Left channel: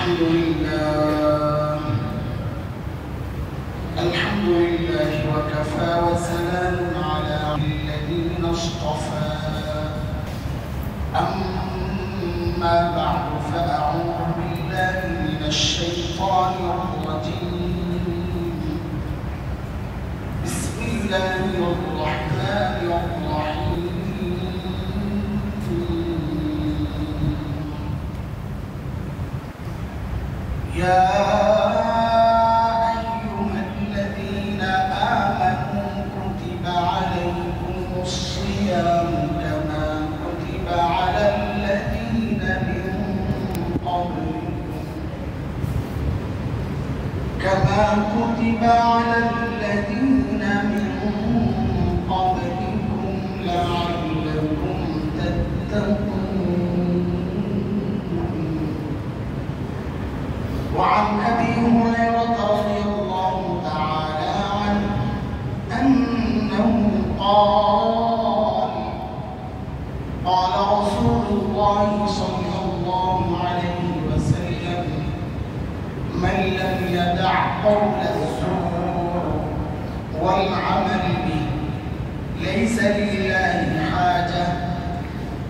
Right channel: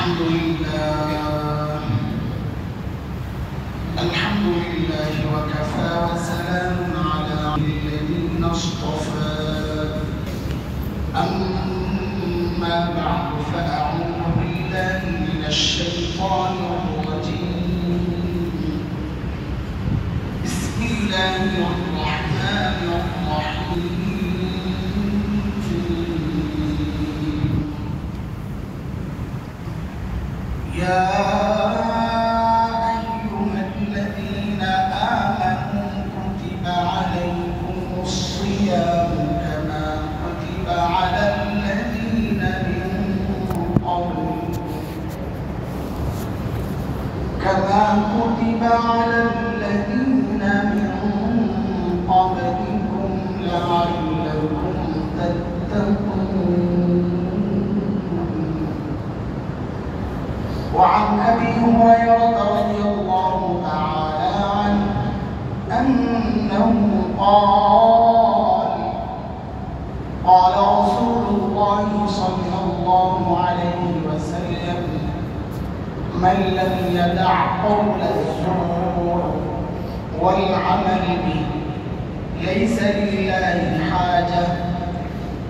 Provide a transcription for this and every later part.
الحمد لله وكفى وسلام على الذين اصطفى أما بعد فأعوذ بالله من الشيطان الرجيم بسم الله الرحمن الرحيم يا أيها الذين آمنوا كتب عليكم الصيام كما كتب على الذين من قبلكم لعلكم تتقون. وعن أبي هريرة رضي الله تعالى عنه أنه قال رسول الله صلى الله عليه وسلم: من لم يدع قول الزور والعمل به ليس لله حاجة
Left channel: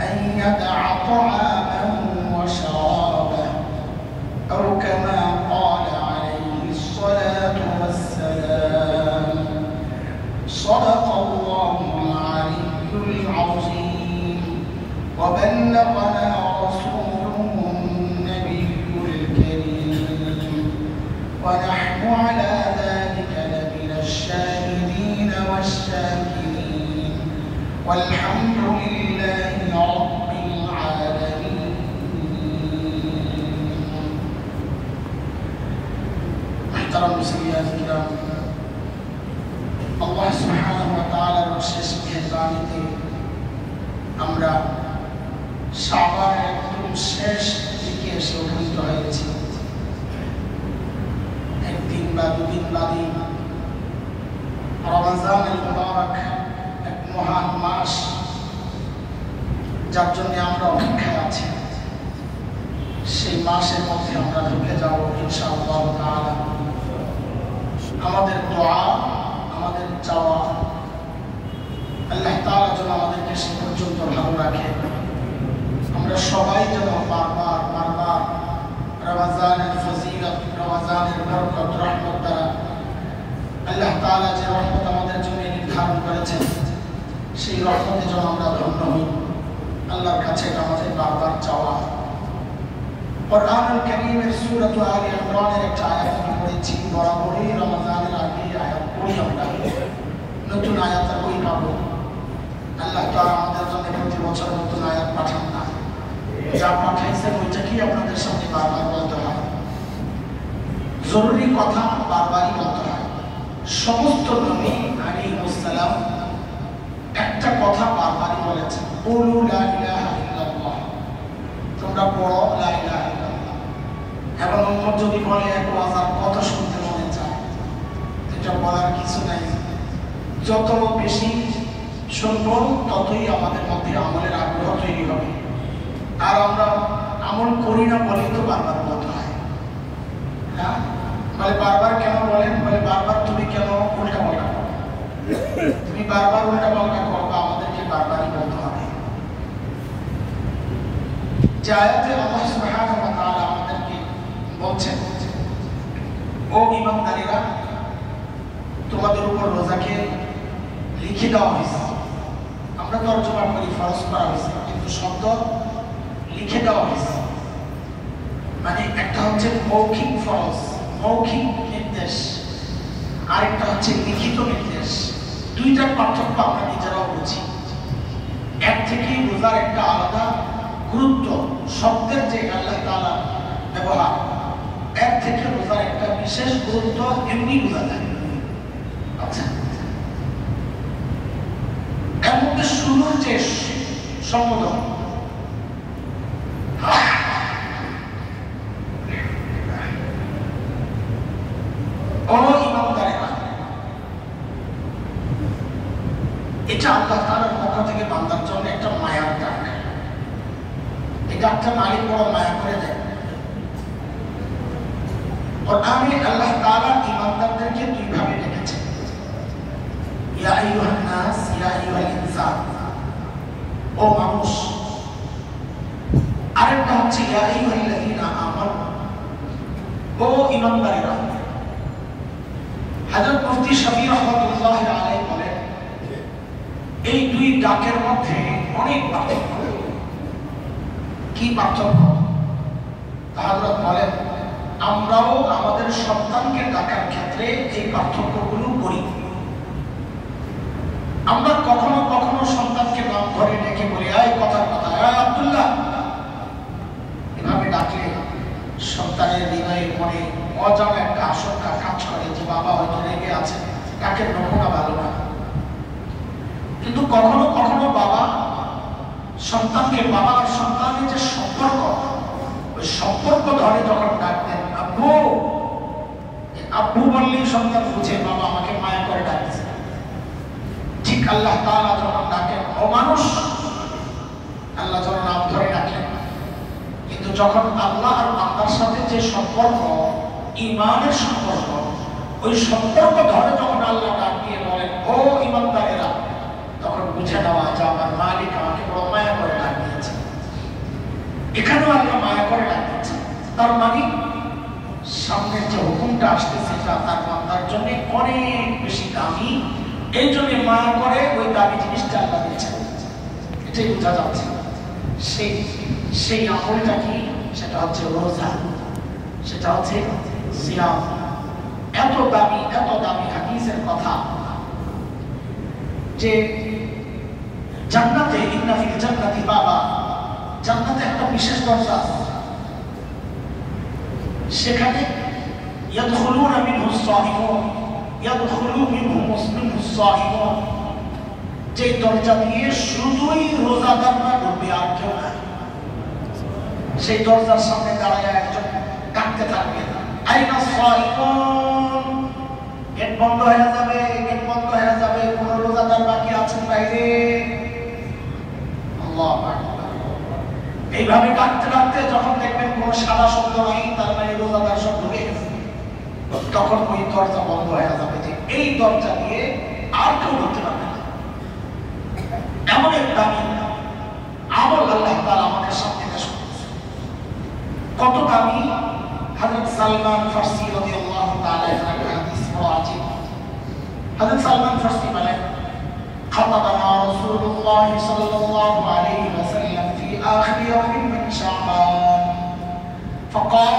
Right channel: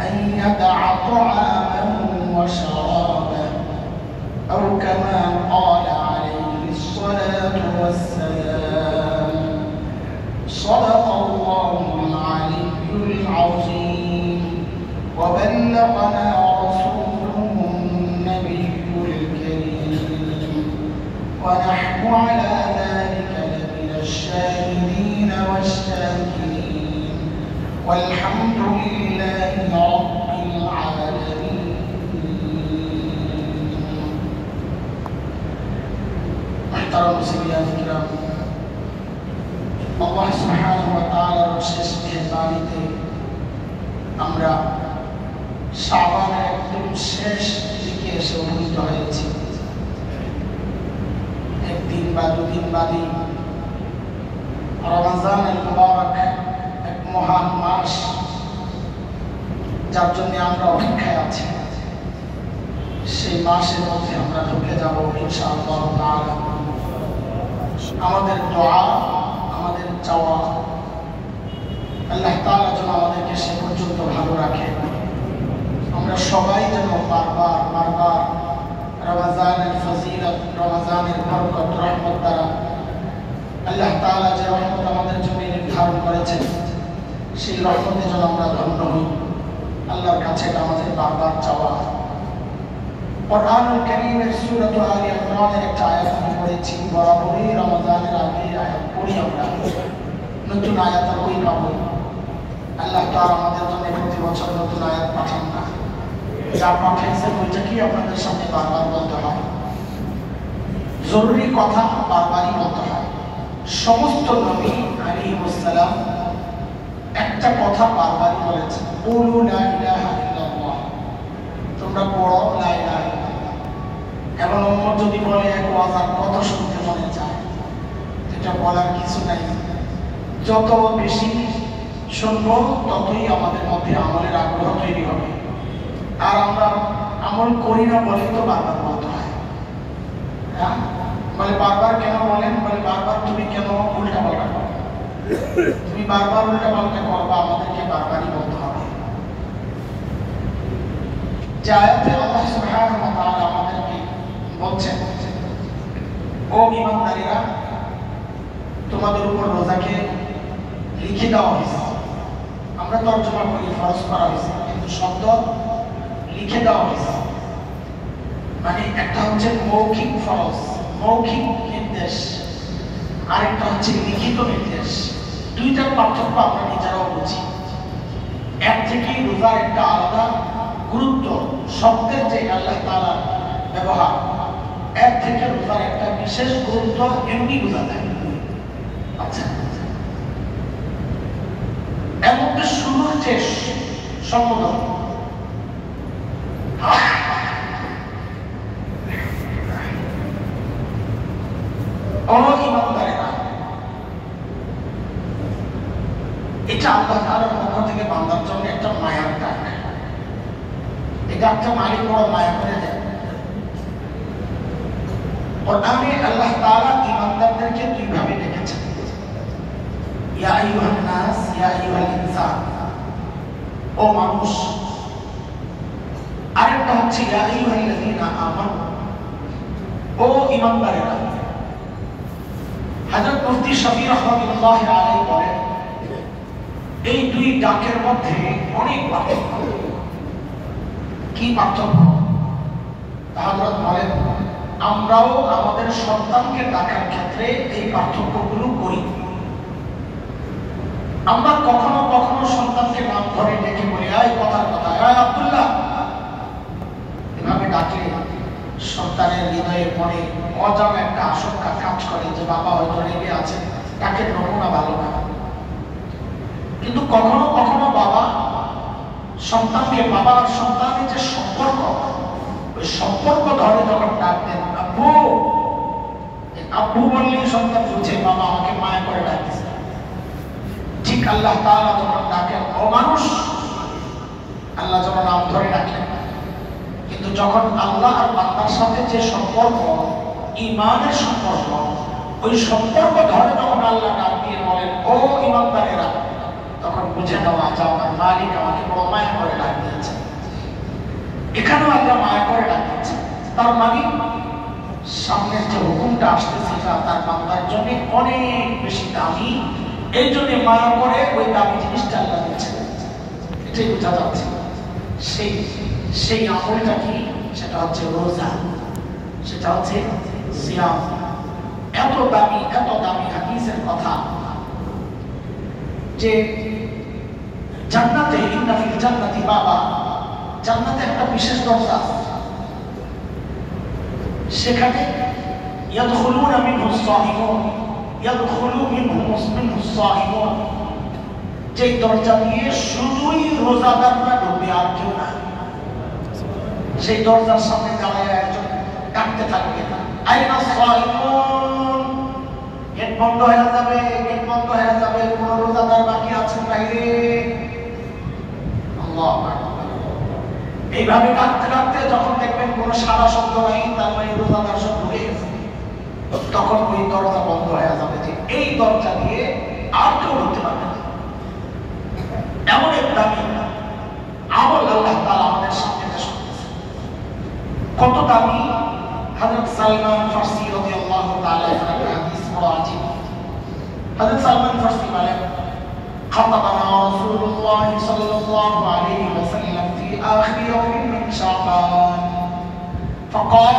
أن يدع طعامه وشرابه، أو كما قال عليه الصلاة والسلام. صدق الله العلي العظيم وبلغنا رسوله النبي الكريم، ونحن على ذلك لمن الشاهدين والشاكرين، والحمد لله رب العالمين. محترم مسلمين الكرام، আল্লাহ সুবহানাহু ওয়া তাআলার বিশেষ মেহেরবানিতে আমরা শাবানের একদম শেষ দিকে এসে উপনীত হয়েছি। একদিন বা দুদিন বাদে রমজানুল মুবারক, এক মহান মাস, যার জন্য আমরা অপেক্ষায় আছি। সেই মাসের মধ্যে আমরা ঢুকে যাব ইনশাআল্লাহ তাআলা। আমাদের দোয়া, আমাদের চাওয়া, আল্লাহ তাআলা যেন আমাদেরকে সে পর্যন্ত ভালো রাখে। আমরা সবাই যেন বারবার রমজানের ফজিলত, রমজানের বরকত, রহমত দ্বারা আল্লাহ তাআলা যে রহমত আমাদের জন্য নির্ধারণ করেছেন, সেই রহমতে যেন আমরা ধন্য হই। আল্লাহর কাছে এটা আমাদের বারবার চাওয়া। কুরআনুল কারীমের সূরা আলে ইমরানের একটা আয়াত আমি পড়েছি, বরাবরই রমজানের আগে আয়াত পড়ি আমরা, নতুন আয়াত আর কই পাবো। আল্লাহ তাআলা আমাদের জন্য প্রতি বছর নতুন আয়াত পাঠান না, যা পাঠাইছেন ওইটাকেই আপনাদের সামনে বারবার বলতে হয়। জরুরি কথা বারবারই বলতে হয়। সমস্ত নবী আলাইহিস সালাম একটা কথা বারবারই বলেছেন, কুলু লা ইলাহা ইল্লাল্লাহ, তোমরা পড়ো লা ইলাহা ইল্লাল্লাহ। এখন উম্মত যদি বলে এক ওয়াজ কত শুনতে মনে চায়, এটা বলার কিছু নাই। যত বেশি শুনবো ততই আমাদের মধ্যে আমলের আগ্রহ তৈরি হবে। আর আমরা আমল করি না বলে তো বারবার বলতে হয়। হ্যাঁ, বলে বারবার কেন বলেন? বলে বারবার তুমি কেন উল্টা পাল্টা করো? তুমি বারবার উল্টা পাল্টা করবা, আমাদেরকে বারবারই বলতে হবে। যে আয়াতে আল্লাহ সুবহানাহু ওয়া তাআলা আমাদেরকে বলছেন, ও ঈমানদারেরা, তোমাদের উপর রোজাকে লিখে দেওয়া হয়েছে। আমরা তর্জমা করি ফরজ করা হয়েছে, কিন্তু শব্দ লিখে দেওয়া হয়েছে। মানে একটা হচ্ছে মৌখিক ফরজ, মৌখিক নির্দেশ, আরেকটা হচ্ছে লিখিত নির্দেশ। দুইটার পার্থক্য আমরা নিজেরাও বুঝি। এক থেকেই রোজার একটা আলাদা গুরুত্ব, শব্দের যে আল্লাহ তাআলা ব্যবহার, এর থেকে রোজার একটা বিশেষ গুরুত্ব এমনি বোঝা যায়। আচ্ছা, এর মধ্যে শুরুর যে সম্বোধন, ও ঈমানদারেরা, এটা আল্লাহ তাআলার পক্ষ থেকে বান্দার জন্য একটা মায়ার ডাক। এই ডাকটা মালিক বড় মায়া করে দেয়। কোরআনে আল্লাহ তাআলা ঈমানদারদেরকে দুই ভাবে ডেকেছেন, ইয়া আইয়ুহান নাস, ইয়া আইয়ুহাল ইনসান, ও মানুষ। আরেকটা হচ্ছে ইয়া আইয়ুহাল্লাযীনা আমানু, ও ঈমানদারেরা। হযরত মুফতি শফি রাহমাতুল্লাহি আলাইহি বলেন, এই দুই ডাকের মধ্যে অনেক পার্থক্য। কি পার্থক্য? হযরত বলেন, আমরাও আমাদের সন্তানকে ডাকার ক্ষেত্রে এই পার্থক্যগুলো করি। আমরা কখনো কখনো সন্তানকে নাম ধরে ডেকে বলি, এই কথার কথা, এই আব্দুল্লাহ। এভাবে ডাকলে সন্তানের হৃদয়ে মনে অজানা একটা আশঙ্কা কাজ করে যে বাবা হয়তো রেগে আছে, তাকে নমুনা ভালো না। কিন্তু কখনো কখনো বাবা সন্তানকে, বাবা আর সন্তানের যে সম্পর্ক, ওই সম্পর্ক ধরে যখন ডাক দেন, আব্বু, আব্বু বললেই সন্তান বুঝে বাবা আমাকে মায়া করে ডাকছে। ঠিক আল্লাহ তাআলা যখন ডাকেন, ও মানুষ, আল্লাহ যখন নাম ধরে ডাকেন। কিন্তু যখন আল্লাহ আর বান্দার সাথে যে সম্পর্ক, ঈমানের সম্পর্ক, ওই সম্পর্ক ধরে যখন আল্লাহ ডাক দিয়ে বলেন, ও ঈমানদারেরা, তখন বুঝে নেওয়া যে আমার মালিক আমাকে বড় মায়া করে ডাক দিয়েছে। এখানেও আল্লাহ মায়া করে ডাক দিচ্ছে। তার মানে সামনের যে হুকুমটা আসতেছে সেটা তার বান্দার জন্য অনেক বেশি দামি, এই জন্য মায়া করে ওই দামি জিনিসটা আল্লাহ দিচ্ছেন। এটাই বোঝা যাচ্ছে। সেই আমলটা কি? সেটা হচ্ছে রোজা, সেটা হচ্ছে সিয়াম। এত দামি হাদিসের কথা যে জান্নাতে, ইন্না ফিল জান্নাতি বাবা, জান্নাতে একটা বিশেষ দরজা আছে, সেখানে ইয়াদখুলুনা মিনহু সাইমুন, ইয়াদখুলু মিনহু সাইমুন, যে দরজা দিয়ে শুধুই রোজাদাররা ঢুকবে, আর কেউ না। সেই দরজার সামনে দাঁড়ায় একজন ডাকতে থাকবে, আইনা সাইমুন। গেট বন্ধ হয়ে যাবে, গেট বন্ধ হয়ে যাবে, কোন রোজাদার বাকি আছেন বাইরে? আল্লাহু আকবার। এইভাবে ডাকতে ডাকতে যখন দেখবেন কোনো সারা শব্দ নাই, তার মানে রোজাদার সব ঢুকে গেছে, তখন ওই দরজা বন্ধ হয়ে যাবে, যে এই দরজা দিয়ে আর কেউ ঢুকতে পারবে না। এমন একটা আমল আল্লাহ তাআলা আমাদের সামনে পেশ করতেছে। কত দামি! হযরত সালমান ফারসি রাদিয়াল্লাহু তাআলা একটা হাদিস বড় আজীব। হযরত সালমান ফারসি বলেন, خطبنا رسول الله صلى الله عليه وسلم في آخر يوم من شعبان فقال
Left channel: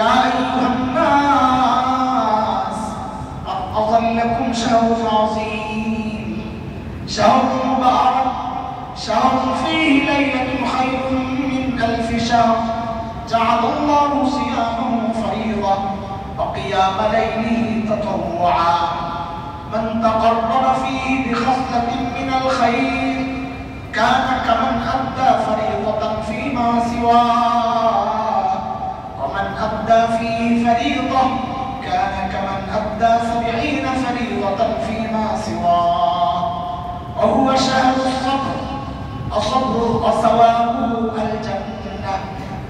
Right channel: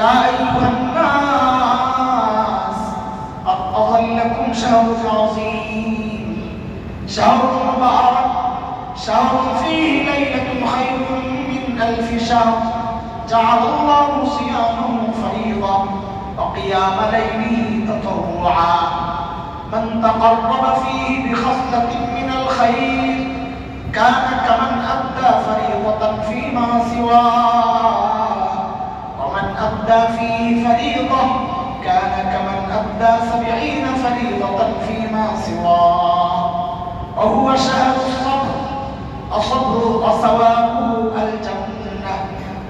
يا أيها الناس قد أظلكم شهر عظيم شهر مبارك شهر فيه ليلة خير من ألف شهر جعل الله صيامه فريضة وقيام ليله تطوعا من تقرب فيه بخصلة من الخير كان كمن أدى فريضة فيما سواه ومن أدى فيه فريضة كان كمن أدى 70 فريضة فيما سواه وهو شهر الصبر الصبر وثوابه الجنة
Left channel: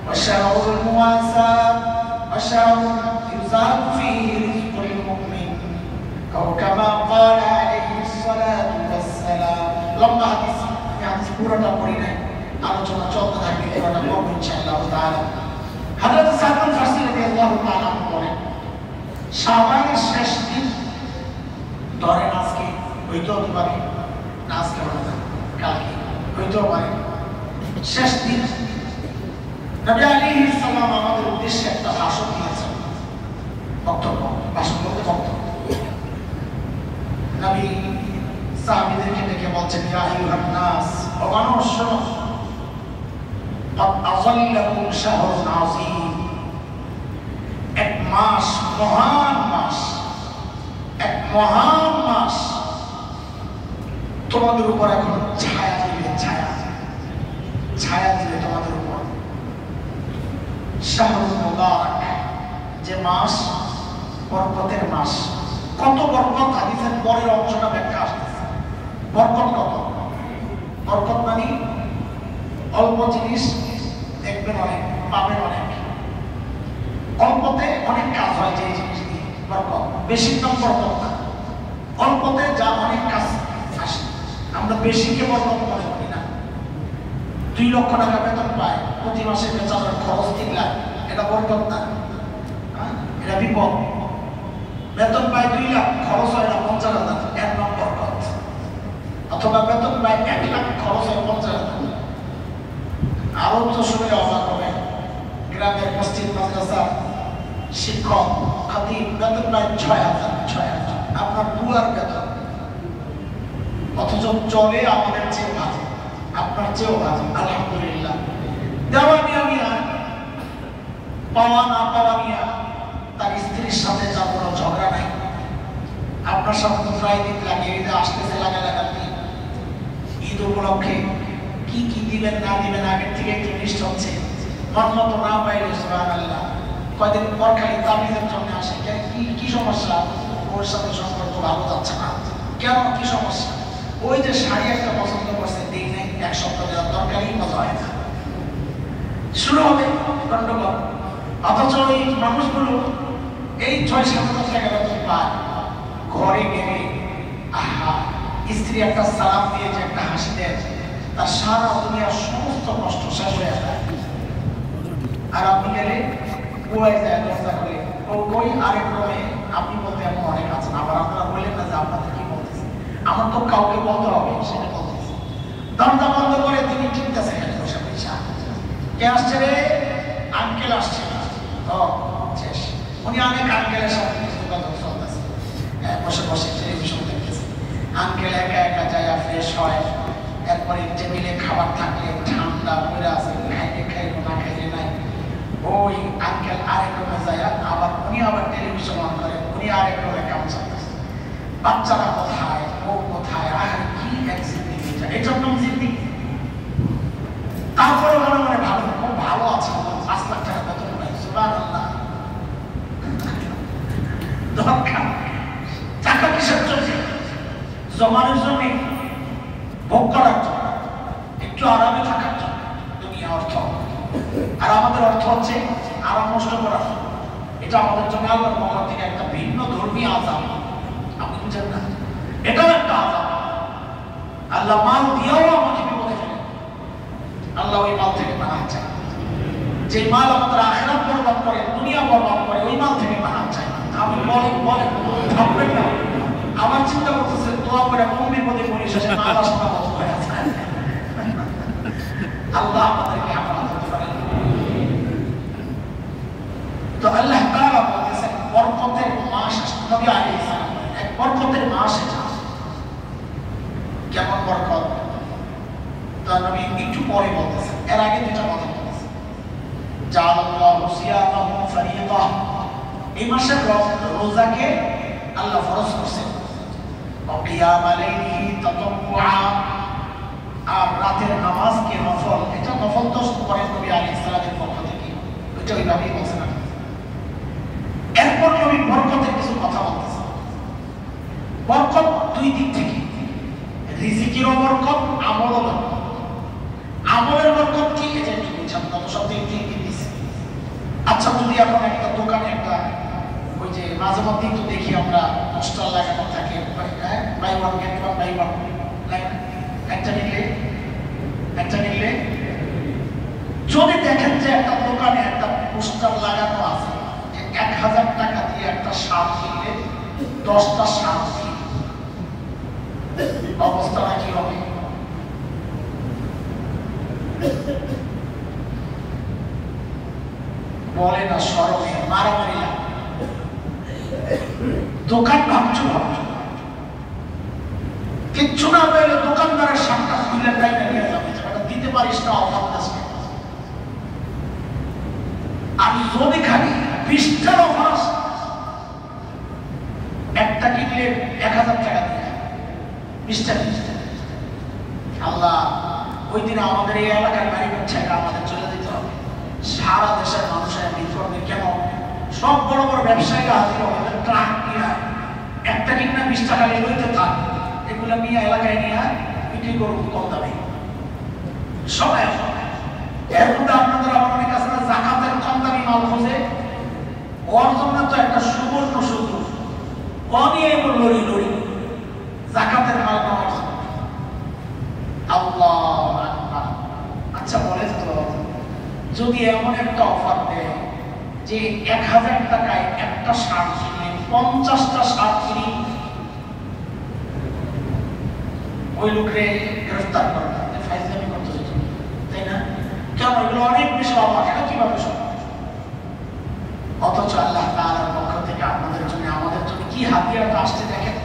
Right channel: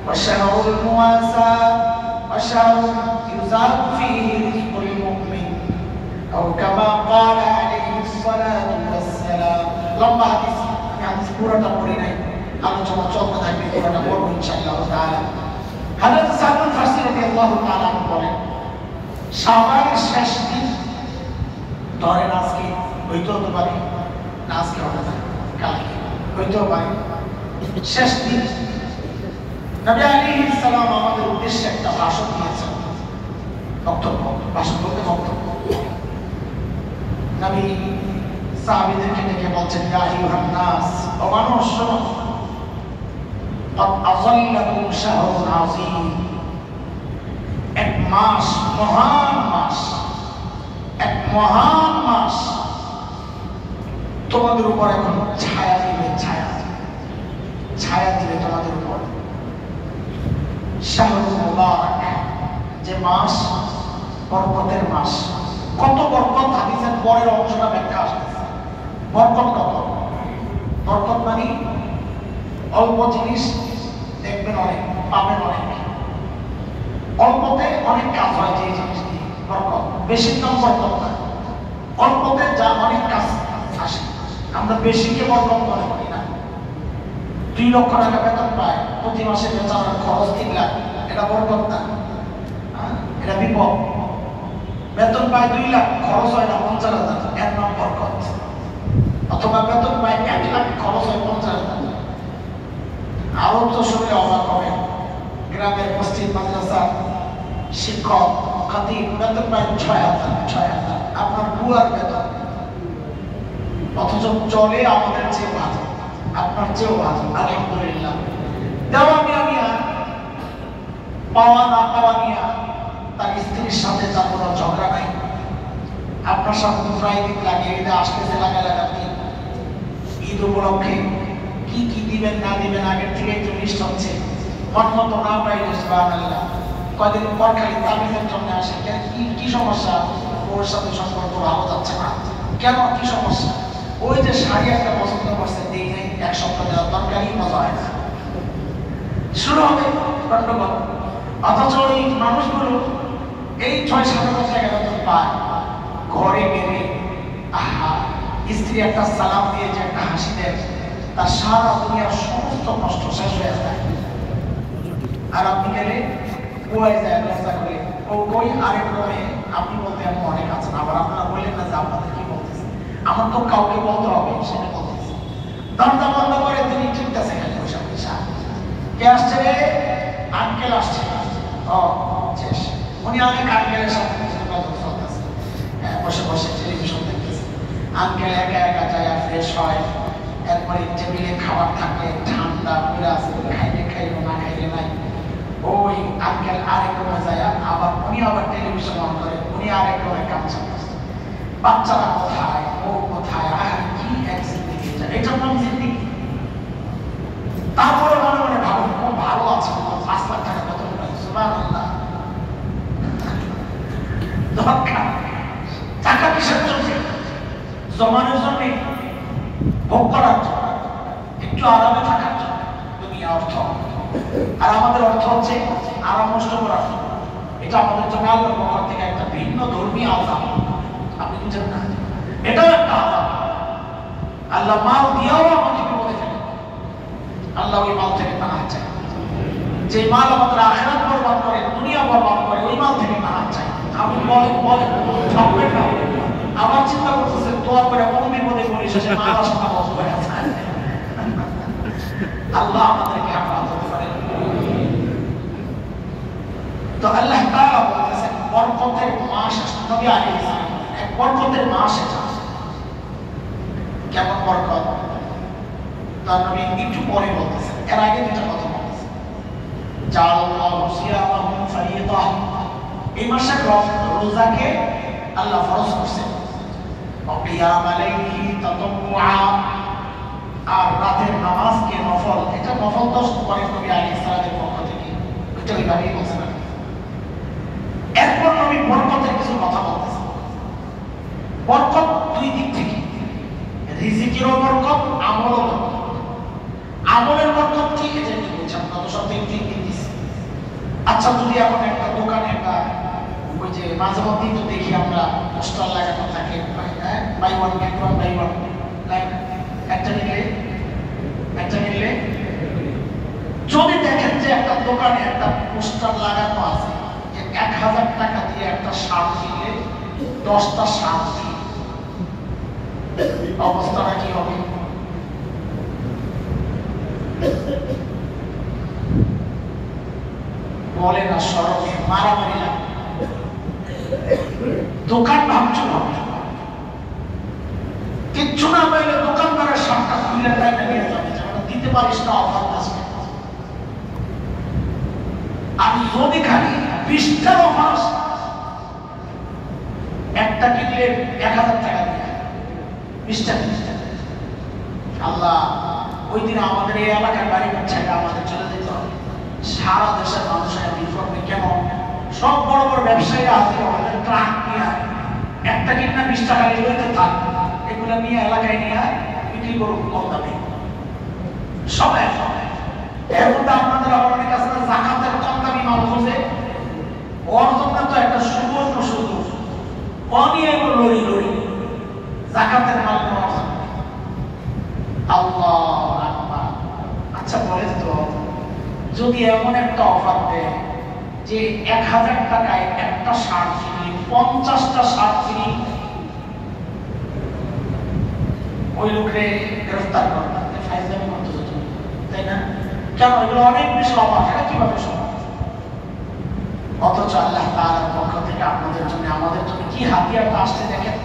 وشهر المواساة وشهر يزاد فيه رزق المؤمن أو كما قال عليه الصلاة والسلام. لما حديث পুরোটা পড়ি নাই, আলোচনা চলতে থাকবে, পুরোটা পড়বো ইনশাআল্লাহ তাআলা। হযরত সালমান ফারসি রাদিয়াল্লাহু তাআলা বলেন, শাবানের শেষ দিন, ধরেন আজকে হইতেও তো পারে, না আজকে হবে না, কালকে হইতেও পারে, শেষ দিন নবী আলাইহিস সালাম আমাদের উদ্দেশ্যে একটা ভাষণ দিয়েছেন। বক্তব্য, ভাষণ বলতে বক্তব্য। নবী সাহাবীদেরকে ডেকে বলছেন, ইয়া আইয়ুহান নাস, ও মানুষ শোনো, قد أظلكم شهر عظيم, এক মাস, মহান মাস, এক মহান মাস তোমাদের উপর এখন ছায়া দিবে, ছায়া দিবে তোমাদের উপর। শাহরুল মুবারক, যে মাস বরকতের মাস। কত বরকত? হাদিসের পরের অংশটা ব্যাখ্যা আসতেছে। বরকত কত? বরকত মানে অল্প জিনিস দেখবেন অনেক, পাবেন অনেক। অল্পতে অনেক কাজ হয় যে জিনিস দিয়ে বরকত, বেশি দাম বরকত না, অল্পতে যা অনেক কাজ আসে। আমরা বেশি কে বরকত মনে করি না। 2 লক্ষ টাকা বেতন পায়, প্রতি মাসে বেতনের খরচ 3 লাখ, এটা বরকত না, এটা বিপদ। বেতন পায় 2 লাখ, খরচ হয় না 50,000, এর নাম বরকত। অথবা বেতন পায় 1 লাখ, খরচ হয় 50,000। আরো তো শুনলে অবাক হবে, গ্রামের মসজিদ মাদ্রাসা শিক্ষক খাতিব বেতন পায় 6,000। আপনার বুয়ার বেতন, অথচ চলে আমাদের চেয়ে ভালো, আপনার চেয়েও ভালো, আলহামদুলিল্লাহ। দেওয়া নিয়া পাওয়া না পাওয়া নিয়া তার স্ত্রীর সাথে তার কোনো ঝগড়া নাই। আপনার সাথে তো প্রায় দিন লাগে, এটা আসতেছে লাগালাগি। ঈদ উপলক্ষে কি কি দিবেন না দিবেন আগের থেকে একটু লিস্ট হচ্ছে। মন মতো না পাইলে সুবহানাল্লাহ, কয়দিন পর খালি তাবিজের জন্য আসে। কি সমস্যা? ওর সাথে সম্পর্ক ভালো যাচ্ছে না। কেন, কি সমস্যা? ওই যে শাড়ি একটা পছন্দ করছে, দিই নেই, 1 সপ্তাহ দেওয়ার দরকারই মজা হয় না, শুরু হবে গন্ডগোল। অথচ এই মানুষগুলো এই 6-7 টাকা বেতন পায়, ঘরে গেলে আহা, স্ত্রী একটা সালাম দিয়ে যে একটা হাসি দেয়, তার সারা দুনিয়ার সমস্ত কষ্ট শেষ হয়ে যায়। আর আপনি গেলে বলে যায় দরজা করে, ও কই আরেক রয়ে আপনি বলতে এমন অনেক আছেন। আবার আপনারা বললেন না যে আপনাদের কি বলতেছে, আমার তো কাউকে বলতে হবে, সেটা বলতেছে। দরজা বন্ধ করে তিনি ঠিকতেছে বসে পয়সা, কে আসছে রে? আঙ্কেল আসছে। ও শেষ, উনি অনেক আঙ্কেলের সাথে যোগাযোগ চলতেছে, বসে বসে টেলিভিশন দেখতেছে। আঙ্কেল একা একা যায় ফ্রেশ হয়, এরপরে টেবিলে খাবার থাকলে ঠান্ডা পড়ে আছে, খাইলে খাইলো না খাইলে নাই। ওই আঙ্কেল আরেক রুমে যায়, আবার উনি আবার টেলিভিশন অন করে, উনি আরেক রুমে কাম চালাচ্ছে। বাচ্চারা কোথায়, ও কোথায়, আর কি এক জিন্দিগি, এটার নাম জিন্দিগি। তারপরে মনে মনে ভালো, খুব ভালো আছে, 5 লাখ টাকা বেতন পাই, সুবহানাল্লাহ। দরকার টাকা কিসের জন্য? জমানোর জন্য, ভোগ করার জন্য, একটু আরামে থাকার জন্য দুনিয়া অর্থ। আর আমাদের অর্থ হচ্ছে আরাম নষ্ট করার জন্য। এটা আমাদের জন্য আল্লাহর পক্ষ থেকে একটা ভিন্ন ধর্মীয় আযাব। আপনি বুঝেন না, এটাও একটা আযাব। আল্লাহ মাল দিয়েও আমাকে বিপদে ফেলে, আল্লাহ ওই মাল থেকে পানা চায়। যে মাল আমাদের আখিরাত বরবাদ করে, দুনিয়া বরবাদ করে, ওই মাল থেকে পানা চায়। আমি বলে আমার চিন্তা করতেছে, দোয়া করে কোন বিপদে পড়ি, শেষে মা রাস্তা বন্ধ হয়ে যায়। আল্লাহ আমাদেরকে হেফাজত করেন। তো আল্লাহ তাআলা বলতেছেন বরকতের মাস, নবী আলাইহিস সালাম এক বরকতের মাস এটা। কেমন বরকত তার নবী একটু পরে বলতেছেন, এর আগে দুটো কথা বলতেছেন। জাআলাল্লাহু সিয়ামাহুম ফারিয়্যা, এই মাসে রোজাকে আল্লাহ ফরজ করেছেন। কিয়াম আলাইহি তাতাওয়া, আর রাতের নামাজকে নফল, এটা নফল তো করেন নবী আলাইহিস সালামের পক্ষ থেকে, এটা ওইভাবেই বলছেন। এরপর নবী বরকতের কিছু কথা বলতেছেন। বরকত 2 দিক থেকে, রিজিকেরও বরকত, আমলেরও বরকত। আমলের বরকত কি, এটা কি বলছেন না, সব দিক দিয়ে দিচ্ছি। আচ্ছা, যদি এখন একটা দোকানে একটা ওই যে মাঝে মধ্যেই তো দেখি আমরা পোস্টার লাগানো থাকে, buy one get one buy one, একটা নিলে যদি দেখেন যে একটা দোকানে একটা পোস্টার লাগানো আছে, 1000 টাকা দিয়ে একটা শার্ট কিনলে 10টা শার্ট ফ্রি, অবস্থাটা কি হবে? বলে না, সরমে মারামারি লাগবে। দোকান ভাবছো কিচ্ছু না পাইলে দোকানদারের সামনে খুলে তাই না নিয়ে যাবে, যেটা দিতে পারিস না অফার আসবে। আমি যদি খালি 20টার অফার আসে, একটা কিনলে 1000 টাকা দিয়ে 20টা। আল্লাহ ওই দিন আমাদের এই এলাকার বাড়ি হচ্ছে, আমাদের চলে যেতে হবে। সারা দেশের মানুষের ভিড় করবে। কেমন? সব বড় বড় ব্যবসায়ীরা হাজির হবে, ট্রাক নিয়ে একটা কিনা 20 টাকা লইতে থাক, এগুলো নিয়ে এলাকায় নিয়ে বিক্রি করবো কম দামে। সব এর মধ্যে আপনাদের আবার অনেক আছে জাকাতের কম দামি মাল খোঁজে, যদি এমন একটা অফার দেয় যে 1000 টাকায় একটা শার্ট কিনলে 50টা শার্ট কিনি, ওই লোকরে গ্রেফতার করবে, ফাইজলামি করতে যেত, তাই না? কেন? এগুলো অনেক বেশি অফার, এটা কিভাবে সম্ভব? অথচ আল্লাহ তাআলার পক্ষ থেকে আপনাদের জন্য, আমাদের জন্য কি হাতিয়ারটা আসছে দেখেন।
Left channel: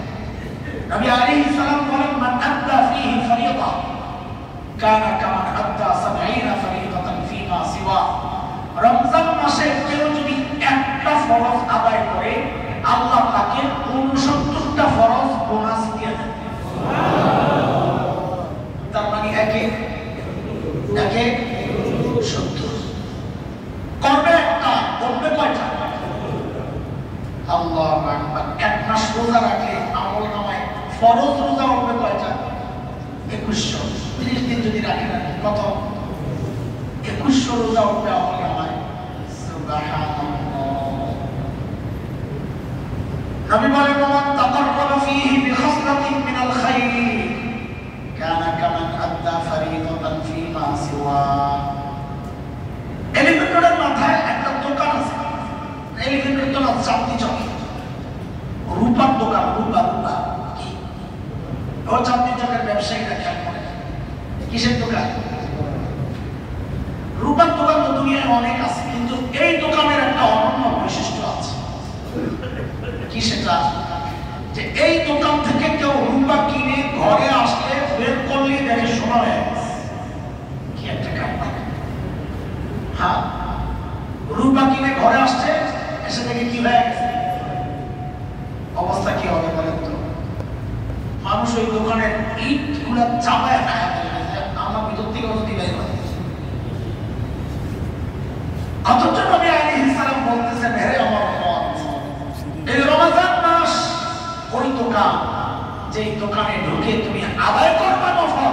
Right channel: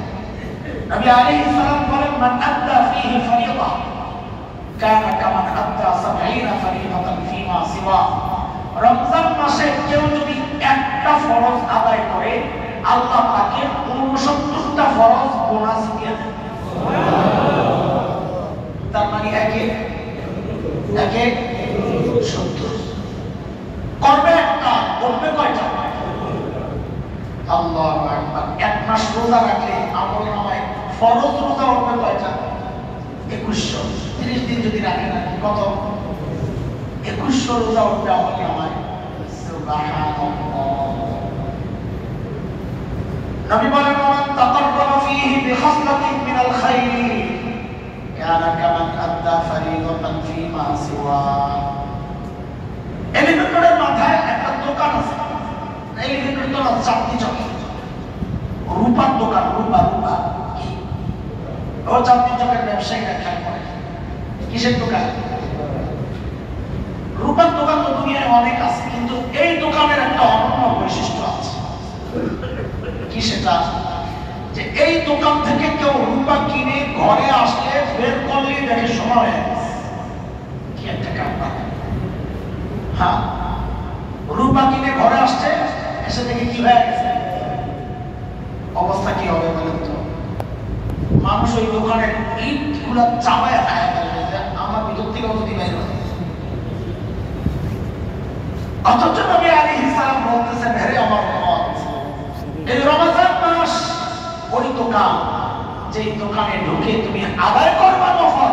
নবী আলাইহিস সালাম বলেন, মান আদ্দা ফীহি ফরিয়দা কানা কামান আদ্দা 70 ফরিয়দাতান ফীমা সিওয়া। রমজান মাসে কেউ যদি একটা ফরজ আদায় করে, আল্লাহ তাকে 69টা ফরজ বোনাস দিয়ে দেন। তার মানে একে 70 করবে একটা, করবে কয়টা? আল্লাহু আকবার। এক মাস রোজা রাখলে আমল নামায় ফরজ রোজা হবে কয়টা? 2100। 30 দিন যদি রাখে না, কত? 2100 রোজা হবে আমল নামায়। সুবহানাল্লাহ। নবী বলেন, মান তাকাররাবা ফীহি বিখাসলাতিন মিনাল খায়র কানা কামান আদ্দা ফরিদাতান ফীমা সিওয়া। এলিভেটরের মাথায় একটা দোকান আছে, এলিভেটর তো চাঁদনি চকে, রূপার দোকান, রূপা কি ও চাঁদনি চকের ব্যবসায়ীরা খেয়াল করে, কিসের দোকান? রূপার দোকান তো দুনিয়ায় অনেক আছে, কিন্তু এই দোকানের একটা অনন্য বৈশিষ্ট্য আছে। কি সেটা? যে এই দোকান থেকে কেউ রূপা কিনে ঘরে আসলে বের করলে দেখে সময় হয়ে গেছে। কি একটা কারবার! হ্যাঁ, রূপা কিনে ঘরে আসছে, এসে দেখে কি হয়ে গেছে, অবস্থা কি হবে বলেন তো? মানুষ ওই দোকানের ইট গুলা চাপায় দেখা যাবে, আমার ভিতর থেকে যদি বের হয়। অথচ নবী আলাইহিস সালাম বলতেছেন, হে আমার উম্মত, এই রমজান মাস ওই দোকান, যেই দোকানে ঢুকে তুমি আদায় করবে নফল,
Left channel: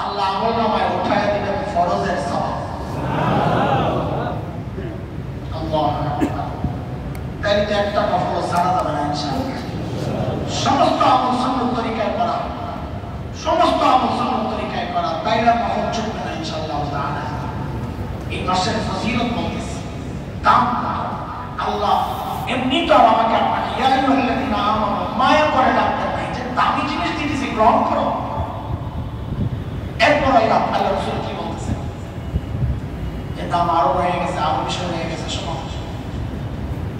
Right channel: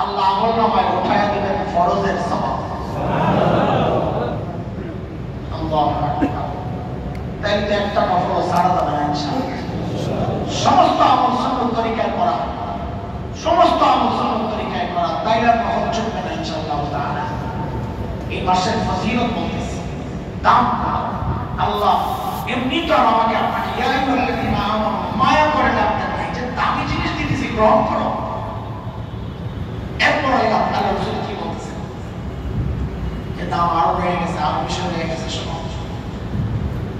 আল্লাহ আমলনামায় উঠায় দিবেন ফরজের সওয়াব। আল্লাহু আকবার। তাই তো একটা নফল সারা যাবে না ইনশাআল্লাহ। সমস্ত আমল সুন্নাত তরিকায় করা, সমস্ত আমল সুন্নাত তরিকায় করা, তাইলে নফল চলবে না ইনশাআল্লাহ তাআলা। এই মাসের ফজিলত বলতেছি, দাম আল্লাহ এমনি তো আমাকে আপনাকে ইয়া আইয়ুহাল্লাযীনা আমানু মায়া করে ডাকতেন নাই যে দামি জিনিস দিতেছি গ্রহণ করো। এরপর আল্লাহ রাসূল কি বলতেছেন? যে দাম আরো রয়ে গেছে, আরো বেশি হয়ে গেছে।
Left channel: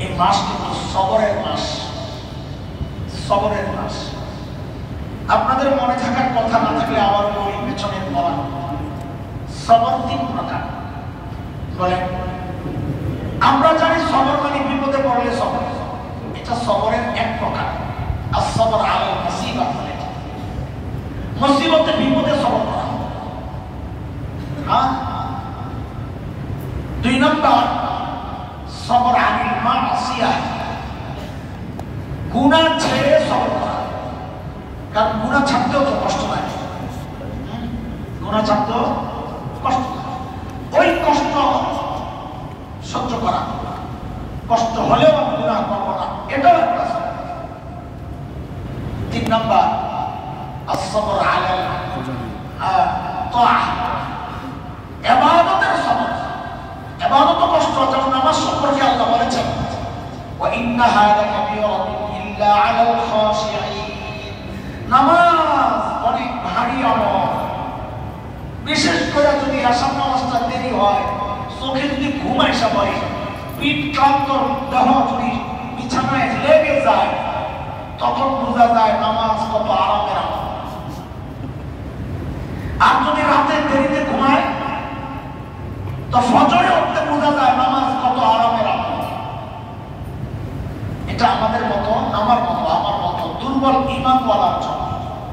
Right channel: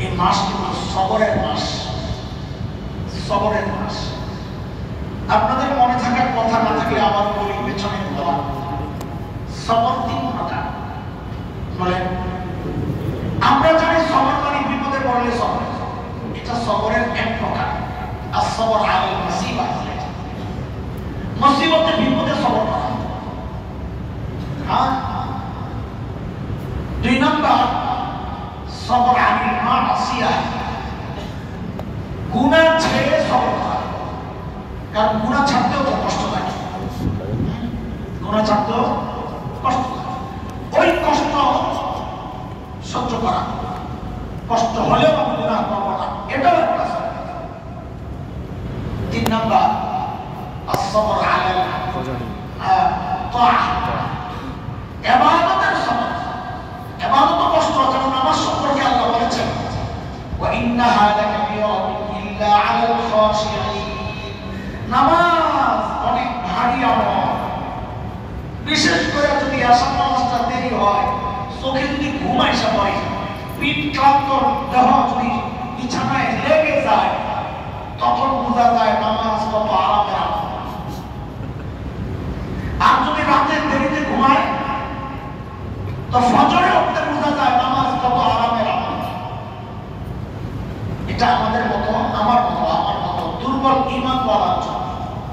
এই মাস কিন্তু সবরের মাস, সবরের মাস। আপনাদের মনে থাকার কথা না থাকলে আবার বলি, পেছনের বলা, সবর 3 প্রকার। বলেন, আমরা জানি সবর মানে বিপদে পড়লে সবর, এটা সবরের এক প্রকার। আর সবর আলাল মুসিবা, মুসিবতে বিপদে সবর করা। হ্যাঁ, 2 নম্বর সবর আনিল মাসিয়া, গুনাহ ছেড়ে সবর করা। কারণ গুনাহ ছাড়তেও তো কষ্ট লাগে, গুনাহ ছাড়তেও কষ্ট লাগে। ওই কষ্ট সহ্য করা, কষ্ট হলেও গুনাহ করব না, এটাও একটা সবর। 3 নম্বর as-sabr আলা তাআহ, ইবাদতের সবর। ইবাদত কষ্ট, যেমন নামাজ সম্পর্কে আল্লাহ বলেছেন, ওয়া ইন্নাহা লাকাবীরাতুন ইল্লা আলাল খাশিঈন। নামাজ অনেক ভারী আমল, বিশেষ করে যদি আসার নামাজটা দেরি হয়, চোখে যদি ঘুম আসা পড়ে, পিঠ ক্লান্ত দেহ যদি বিছানায় লেগে যায়, তখন বোঝা যায় নামাজ কত আরামের আমল। আর যদি রাতে দেরিতে ঘুমায়, তো ফজরে উঠতে বোঝা যায় নামাজ কত আরামের আমল। এটা আমাদের মতো, আমার মতো, আমার মতো দুর্বল ঈমান বলার জন্য।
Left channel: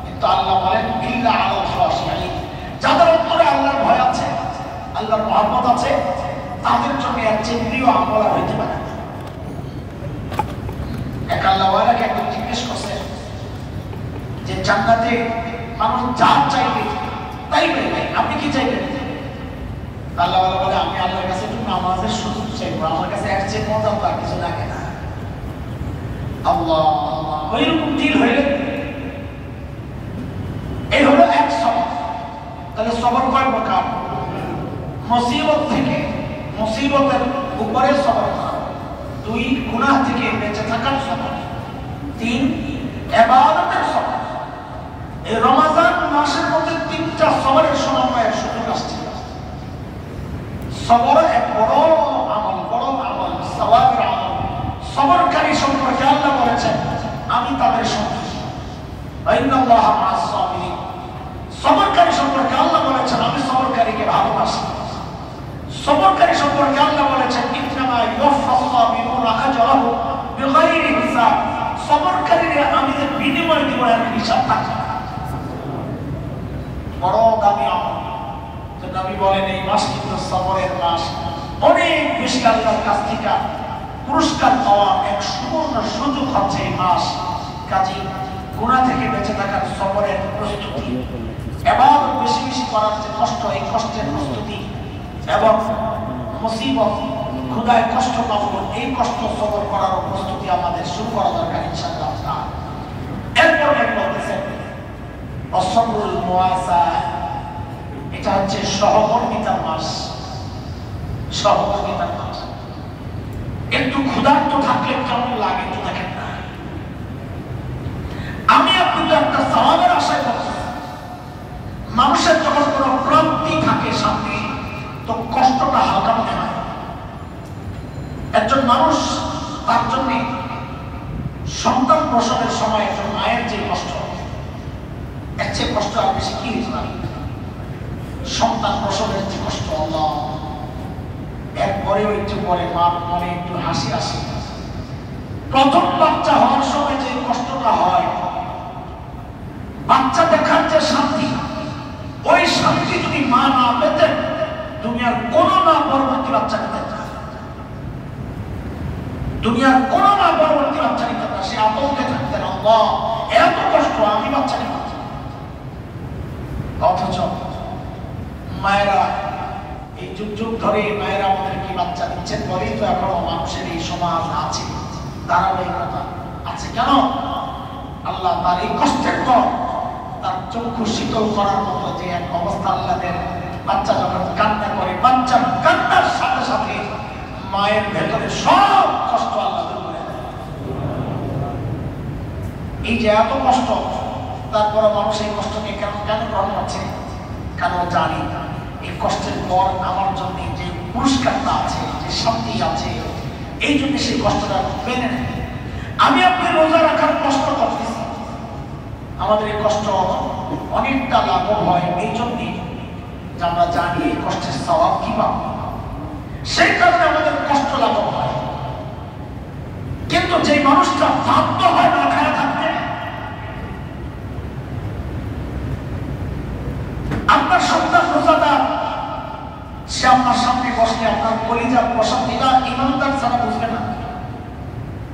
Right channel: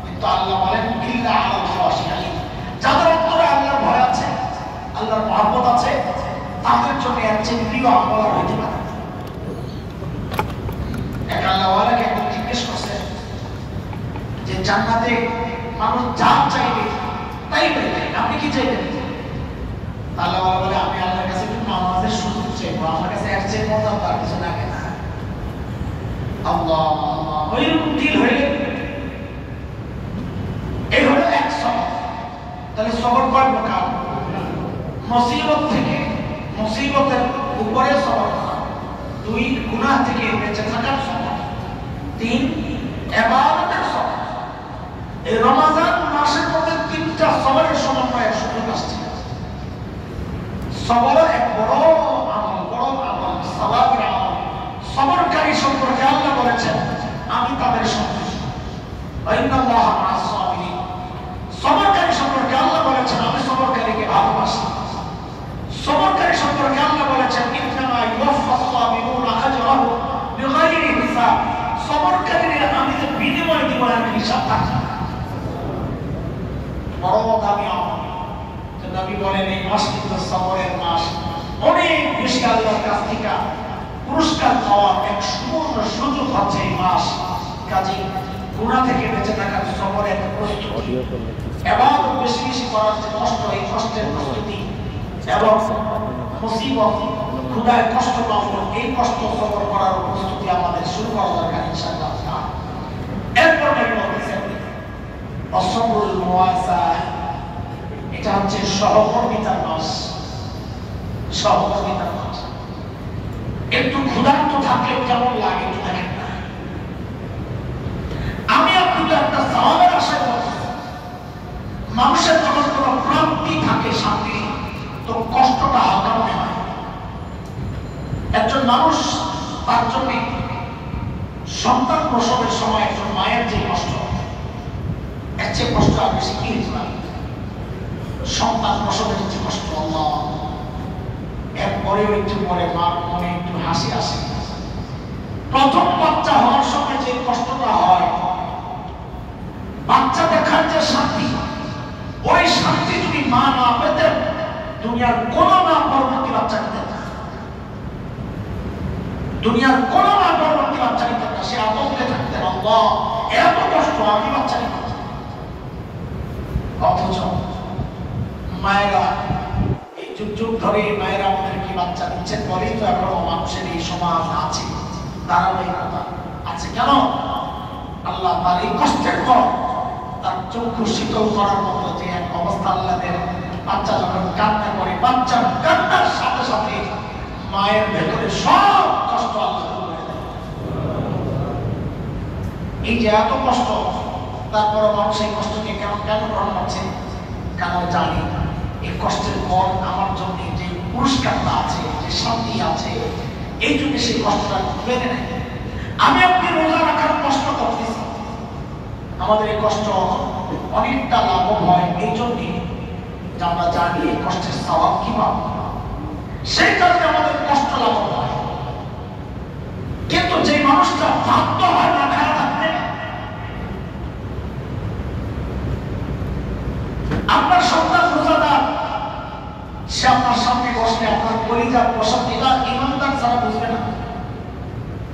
কিন্তু আল্লাহ বলেন, ইল্লা আলাল খাশিঈন, যাদের অন্তরে আল্লাহর ভয় আছে, আল্লাহর মহব্বত আছে, তাদের জন্য এর চেয়ে প্রিয় আমল আর হইতে পারে না। এক আল্লাহওয়ালাকে একদম জিজ্ঞেস করছে যে জান্নাতে মানুষ যা চাইবে তাই পেবে, আপনি কি চাইবেন? আল্লাহওয়ালা বলে, আমি আল্লাহর কাছে একটু নামাজের সুযোগ চাইবো, আমার কাছে এর চেয়ে মজাদার কিছু লাগে না। আল্লাহ, ওইরকম দিল হইলে এই হলো এক সবর। তাহলে সবর কয় প্রকার? মুসিবত থেকে মুসিবতের উপরে সবর করা, 2 গুনাহ থেকে বেঁচে থাকার সবর, 3 ইবাদতের সবর। এই রমজান মাসের মধ্যে 3টা সবরের সমন্বয়ের সুযোগ আসছে। সবর এক বড় আমল, সওয়াবের আমল। সবরকারী সম্পর্কে আল্লাহ বলেছেন আমি তাদের সঙ্গে, ইন্নাল্লাহা মা'আস সাবিরিন। সবরকারী সম্পর্কে আল্লাহ বলেছেন আমি সবরকারীকে ভালোবাসি। সবরকারী সম্পর্কে আল্লাহ বলেছেন ইন্নামা ইউওয়াফাস সাবিরুনা আজরাহুম বিগাইরি হিসাব। সবরকারীরা আমি যে বিনিময় দিব এর হিসাব থাকে। বড় দামি আমল। তো নবী বলেন এই মাস কিন্তু সবরের মাস, অনেক বেশি আল্লাহর কাছ থেকে পুরস্কার পাওয়া এক সুবর্ণ সুযোগ হচ্ছে এই মাস। কাজী গুনাহ থেকে বেঁচে থাকার সবরের প্রস্তুতি, ইবাদত বেশি বেশি করার যে কষ্ট, এই কষ্টের প্রস্তুতি, এবং মুসিবত ক্ষুধায় কষ্ট পাবো এই কষ্ট সবর করার প্রস্তুতি আমাদের শুরু করা দরকার ইনশাআল্লাহ। এরপর বলতেছেন আসবরুল মুওয়াসা, এটা হচ্ছে সহমর্মিতার মাস। সহমর্মিতার মাস। একটু ক্ষুধার্ত থাকলে কেমন লাগে একটু দেখেন না। আমি আপনি তো একটা সওয়াবের আশা করতেছি। মানুষের যখন কোনো প্রাপ্তি থাকে সামনে, তো কষ্টটা হালকা মনে হয়। একজন মানুষ তার জন্য সন্তান প্রসবের সময় একজন মায়ের যে কষ্ট, এর চেয়ে কষ্ট আর বেশি কি হতে পারে? সন্তান প্রসবের যে কষ্ট, আল্লাহ, এরপরেও একটু পরে মা মনে একটু হাসি আসে। প্রথম বাচ্চা হওয়ার সময় যে কষ্টটা হয়, বাচ্চা দেখার যে শান্তি, ওই শান্তি যদি মা না পেতেন, দুনিয়ার কোন মা পরবর্তী বাচ্চা নিতেন না। দুনিয়ার কোন মা পরবর্তী বাচ্চা নিতেন না। সে আতঙ্কে থাকতেন, আল্লাহ এত কষ্ট আমি বাচ্চা নিব। অথচ মায়েরা এই যুগ যুগ ধরে মায়েরা আমাদেরকে বাচ্চা দিচ্ছেন বলেই তো এখনো মানুষের এই সমাজ আছে, ধারাবাহিকতা আছে। কেন? আল্লাহ তার এই কষ্টের পর তার চক্ষু শীতল করার মতো যে এক অবস্থা আল্লাহ দেন। বাচ্চা যখন কান্না করে, বাচ্চার কান্নার সাথে সাথে মায়ের ভেতরে সব কষ্ট আল্লাহ দূর করে দেন। এই যে এত কষ্ট, তারপরে মানুষ এই কষ্টকে কেন গ্রহণ করছে? কারণ জানি এই কষ্টের পর আমার জন্য যে পুরস্কারটা আছে, যে শান্তি আছে, এই জন্য সেই কষ্টটা মেনে নেয়। আমি আপনি রোজা রাখার কষ্ট করতেছি, আমাদের এই কষ্ট অনেকটা লাভ হয় এই জন্যে যে আমরা জানি এই কষ্টের সওয়াব কি পাবো, সেই কারণে আমাদের কষ্ট লাভ হয়। কিন্তু যে মানুষটা বাধ্য হয় না খায়া থাকতে, আপনার সন্তান রোজাদার, সে আপনার সামনে বসলে আপনার কলিজা প্রসাদ দিলা ইমানদার ছাড়া বুঝবে না।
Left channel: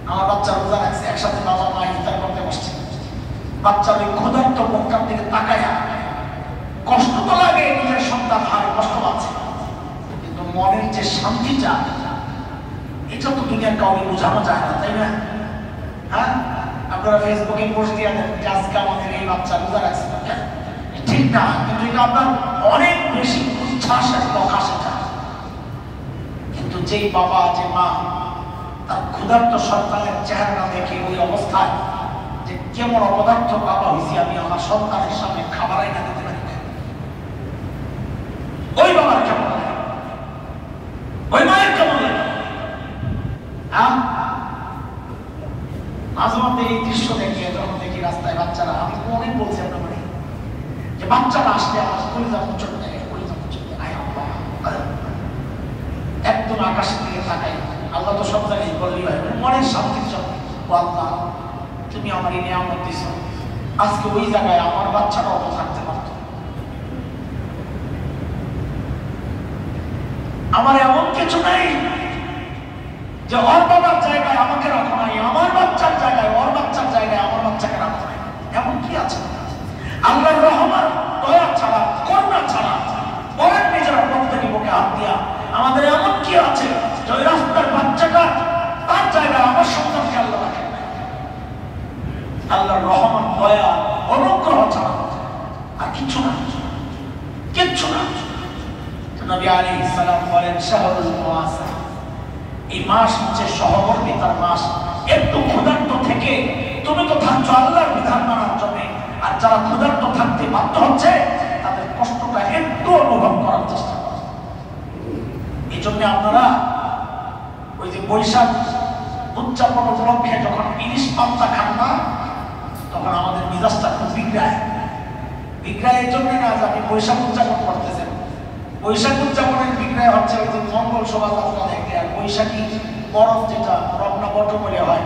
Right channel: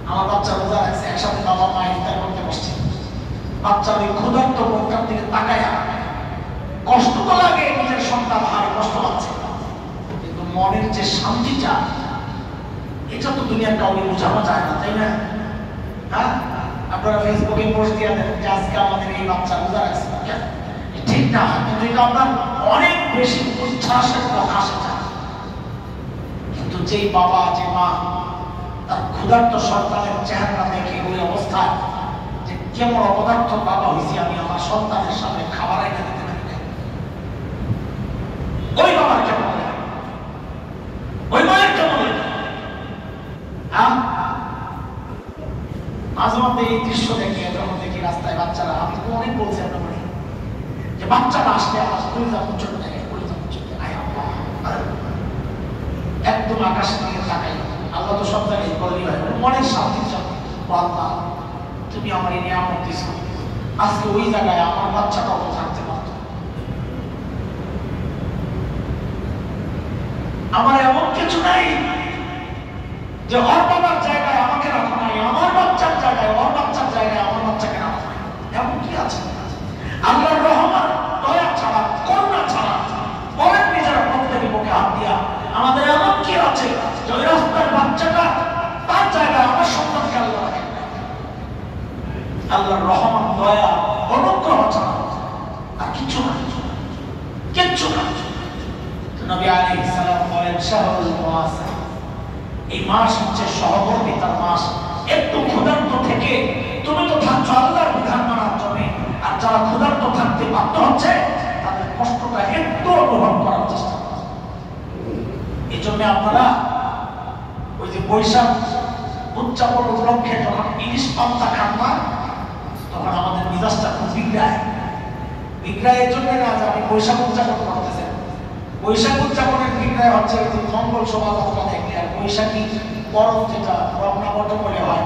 আমার বাচ্চা রোজা রাখছে, একসাথে বাবা মা ইফতার করতে বসছে, বাচ্চার ওই ক্ষুধার্ত মুখটার দিকে তাকায়া কষ্ট তো লাগে, নিজের সন্তান হারে কষ্ট পাচ্ছে, কিন্তু মনের যে শান্তিটা, এটা তো দুনিয়ার কাউকে বোঝানো যায় না, তাই না? হ্যাঁ, আপনারা ফেসবুকে পোস্ট দিয়ে দেন যে আজকে আমাদের এই বাচ্চা রোজা রাখছে, ঠিক না, কিন্তু এটা আপনার অনেক বেশি উচ্ছ্বাসের প্রকাশ এটা। কিন্তু যেই বাবা, যে মা তার ক্ষুধার্ত সন্তানের চেহারা দেখে ওই অবস্থায় যে কেমন অপদার্থ বাবা হয়েছি আমি, আমার সন্তানের সামনে খাবার আইনা দিতে পারি না, ওই বাবার কেমন, ওই মায়ের কেমন? হ্যাঁ, মাঝে মধ্যে এই দৃশ্য দেখে যখন দেখি রাস্তায় বাচ্চারা, আমি অনেক বলছি যে বাচ্চারা আসলে আমার কলিজা পর্যন্ত থাকে, কলিজা পর্যন্ত একদম আকাশের দিকে তাকাই। আল্লাহ তো সব জায়গায় বললেই হয়, মনের শান্তির জন্য আল্লাহ তুমি আমার এই নিয়ামত দিছ, আজকে ওই জায়গায় আমার বাচ্চাটাও তো থাকতে পারত। আমার এমন কিছু নেই যে ওর বাবার জায়গায় আমাকে রাখা নাই, আমার বাচ্চার জায়গায় ওর বাচ্চার জায়গায় আমার বাচ্চাকে রাখা নাই, এমন কি আছে? আল্লাহর রহমত, দয়া ছাড়া, করুণা ছাড়া বলেন নিজেরা প্রত্যেকে বুকে হাত দিয়া আমাদের এমন কি আছে যে ওই রাস্তার বাচ্চাটা তার জায়গায় আমার সন্তানকে আল্লাহ রাখেন নাই? আল্লাহর রহমত, দয়া, অনুগ্রহ ছাড়া আর কিচ্ছু না, কিচ্ছু না। নবী আলাইহিস সালাম সাল্লাম বলেন শাহরুল মুআসা, এই মাস হচ্ছে সহমর্মিতার মাস। একটু ক্ষুধার্ত থেকে তুমি তো থাকছো আল্লাহর বিধান মানার জন্য, আর যারা ক্ষুধার্ত থাকতে বাধ্য হচ্ছে তাদের কষ্টটা একটু অনুভব করার চেষ্টা করো। এই জন্য আপনারা ওই যে বৈশাখ উদযাপন উপলক্ষে যখন ইলিশ পান্তা খান না, তখন আমাদের মিজাজটা খুব বিগড়ায়। বিগড়ায় এই জন্য না যে আপনি বৈশাখ উদযাপন করতেছেন, বৈশাখ উদযাপনের বিগড়ায় হচ্ছে ওই যে মঙ্গল শোভাযাত্রা দেখলে আর বৈশাখী বরফ যেটা রমনা বট বলে হয়,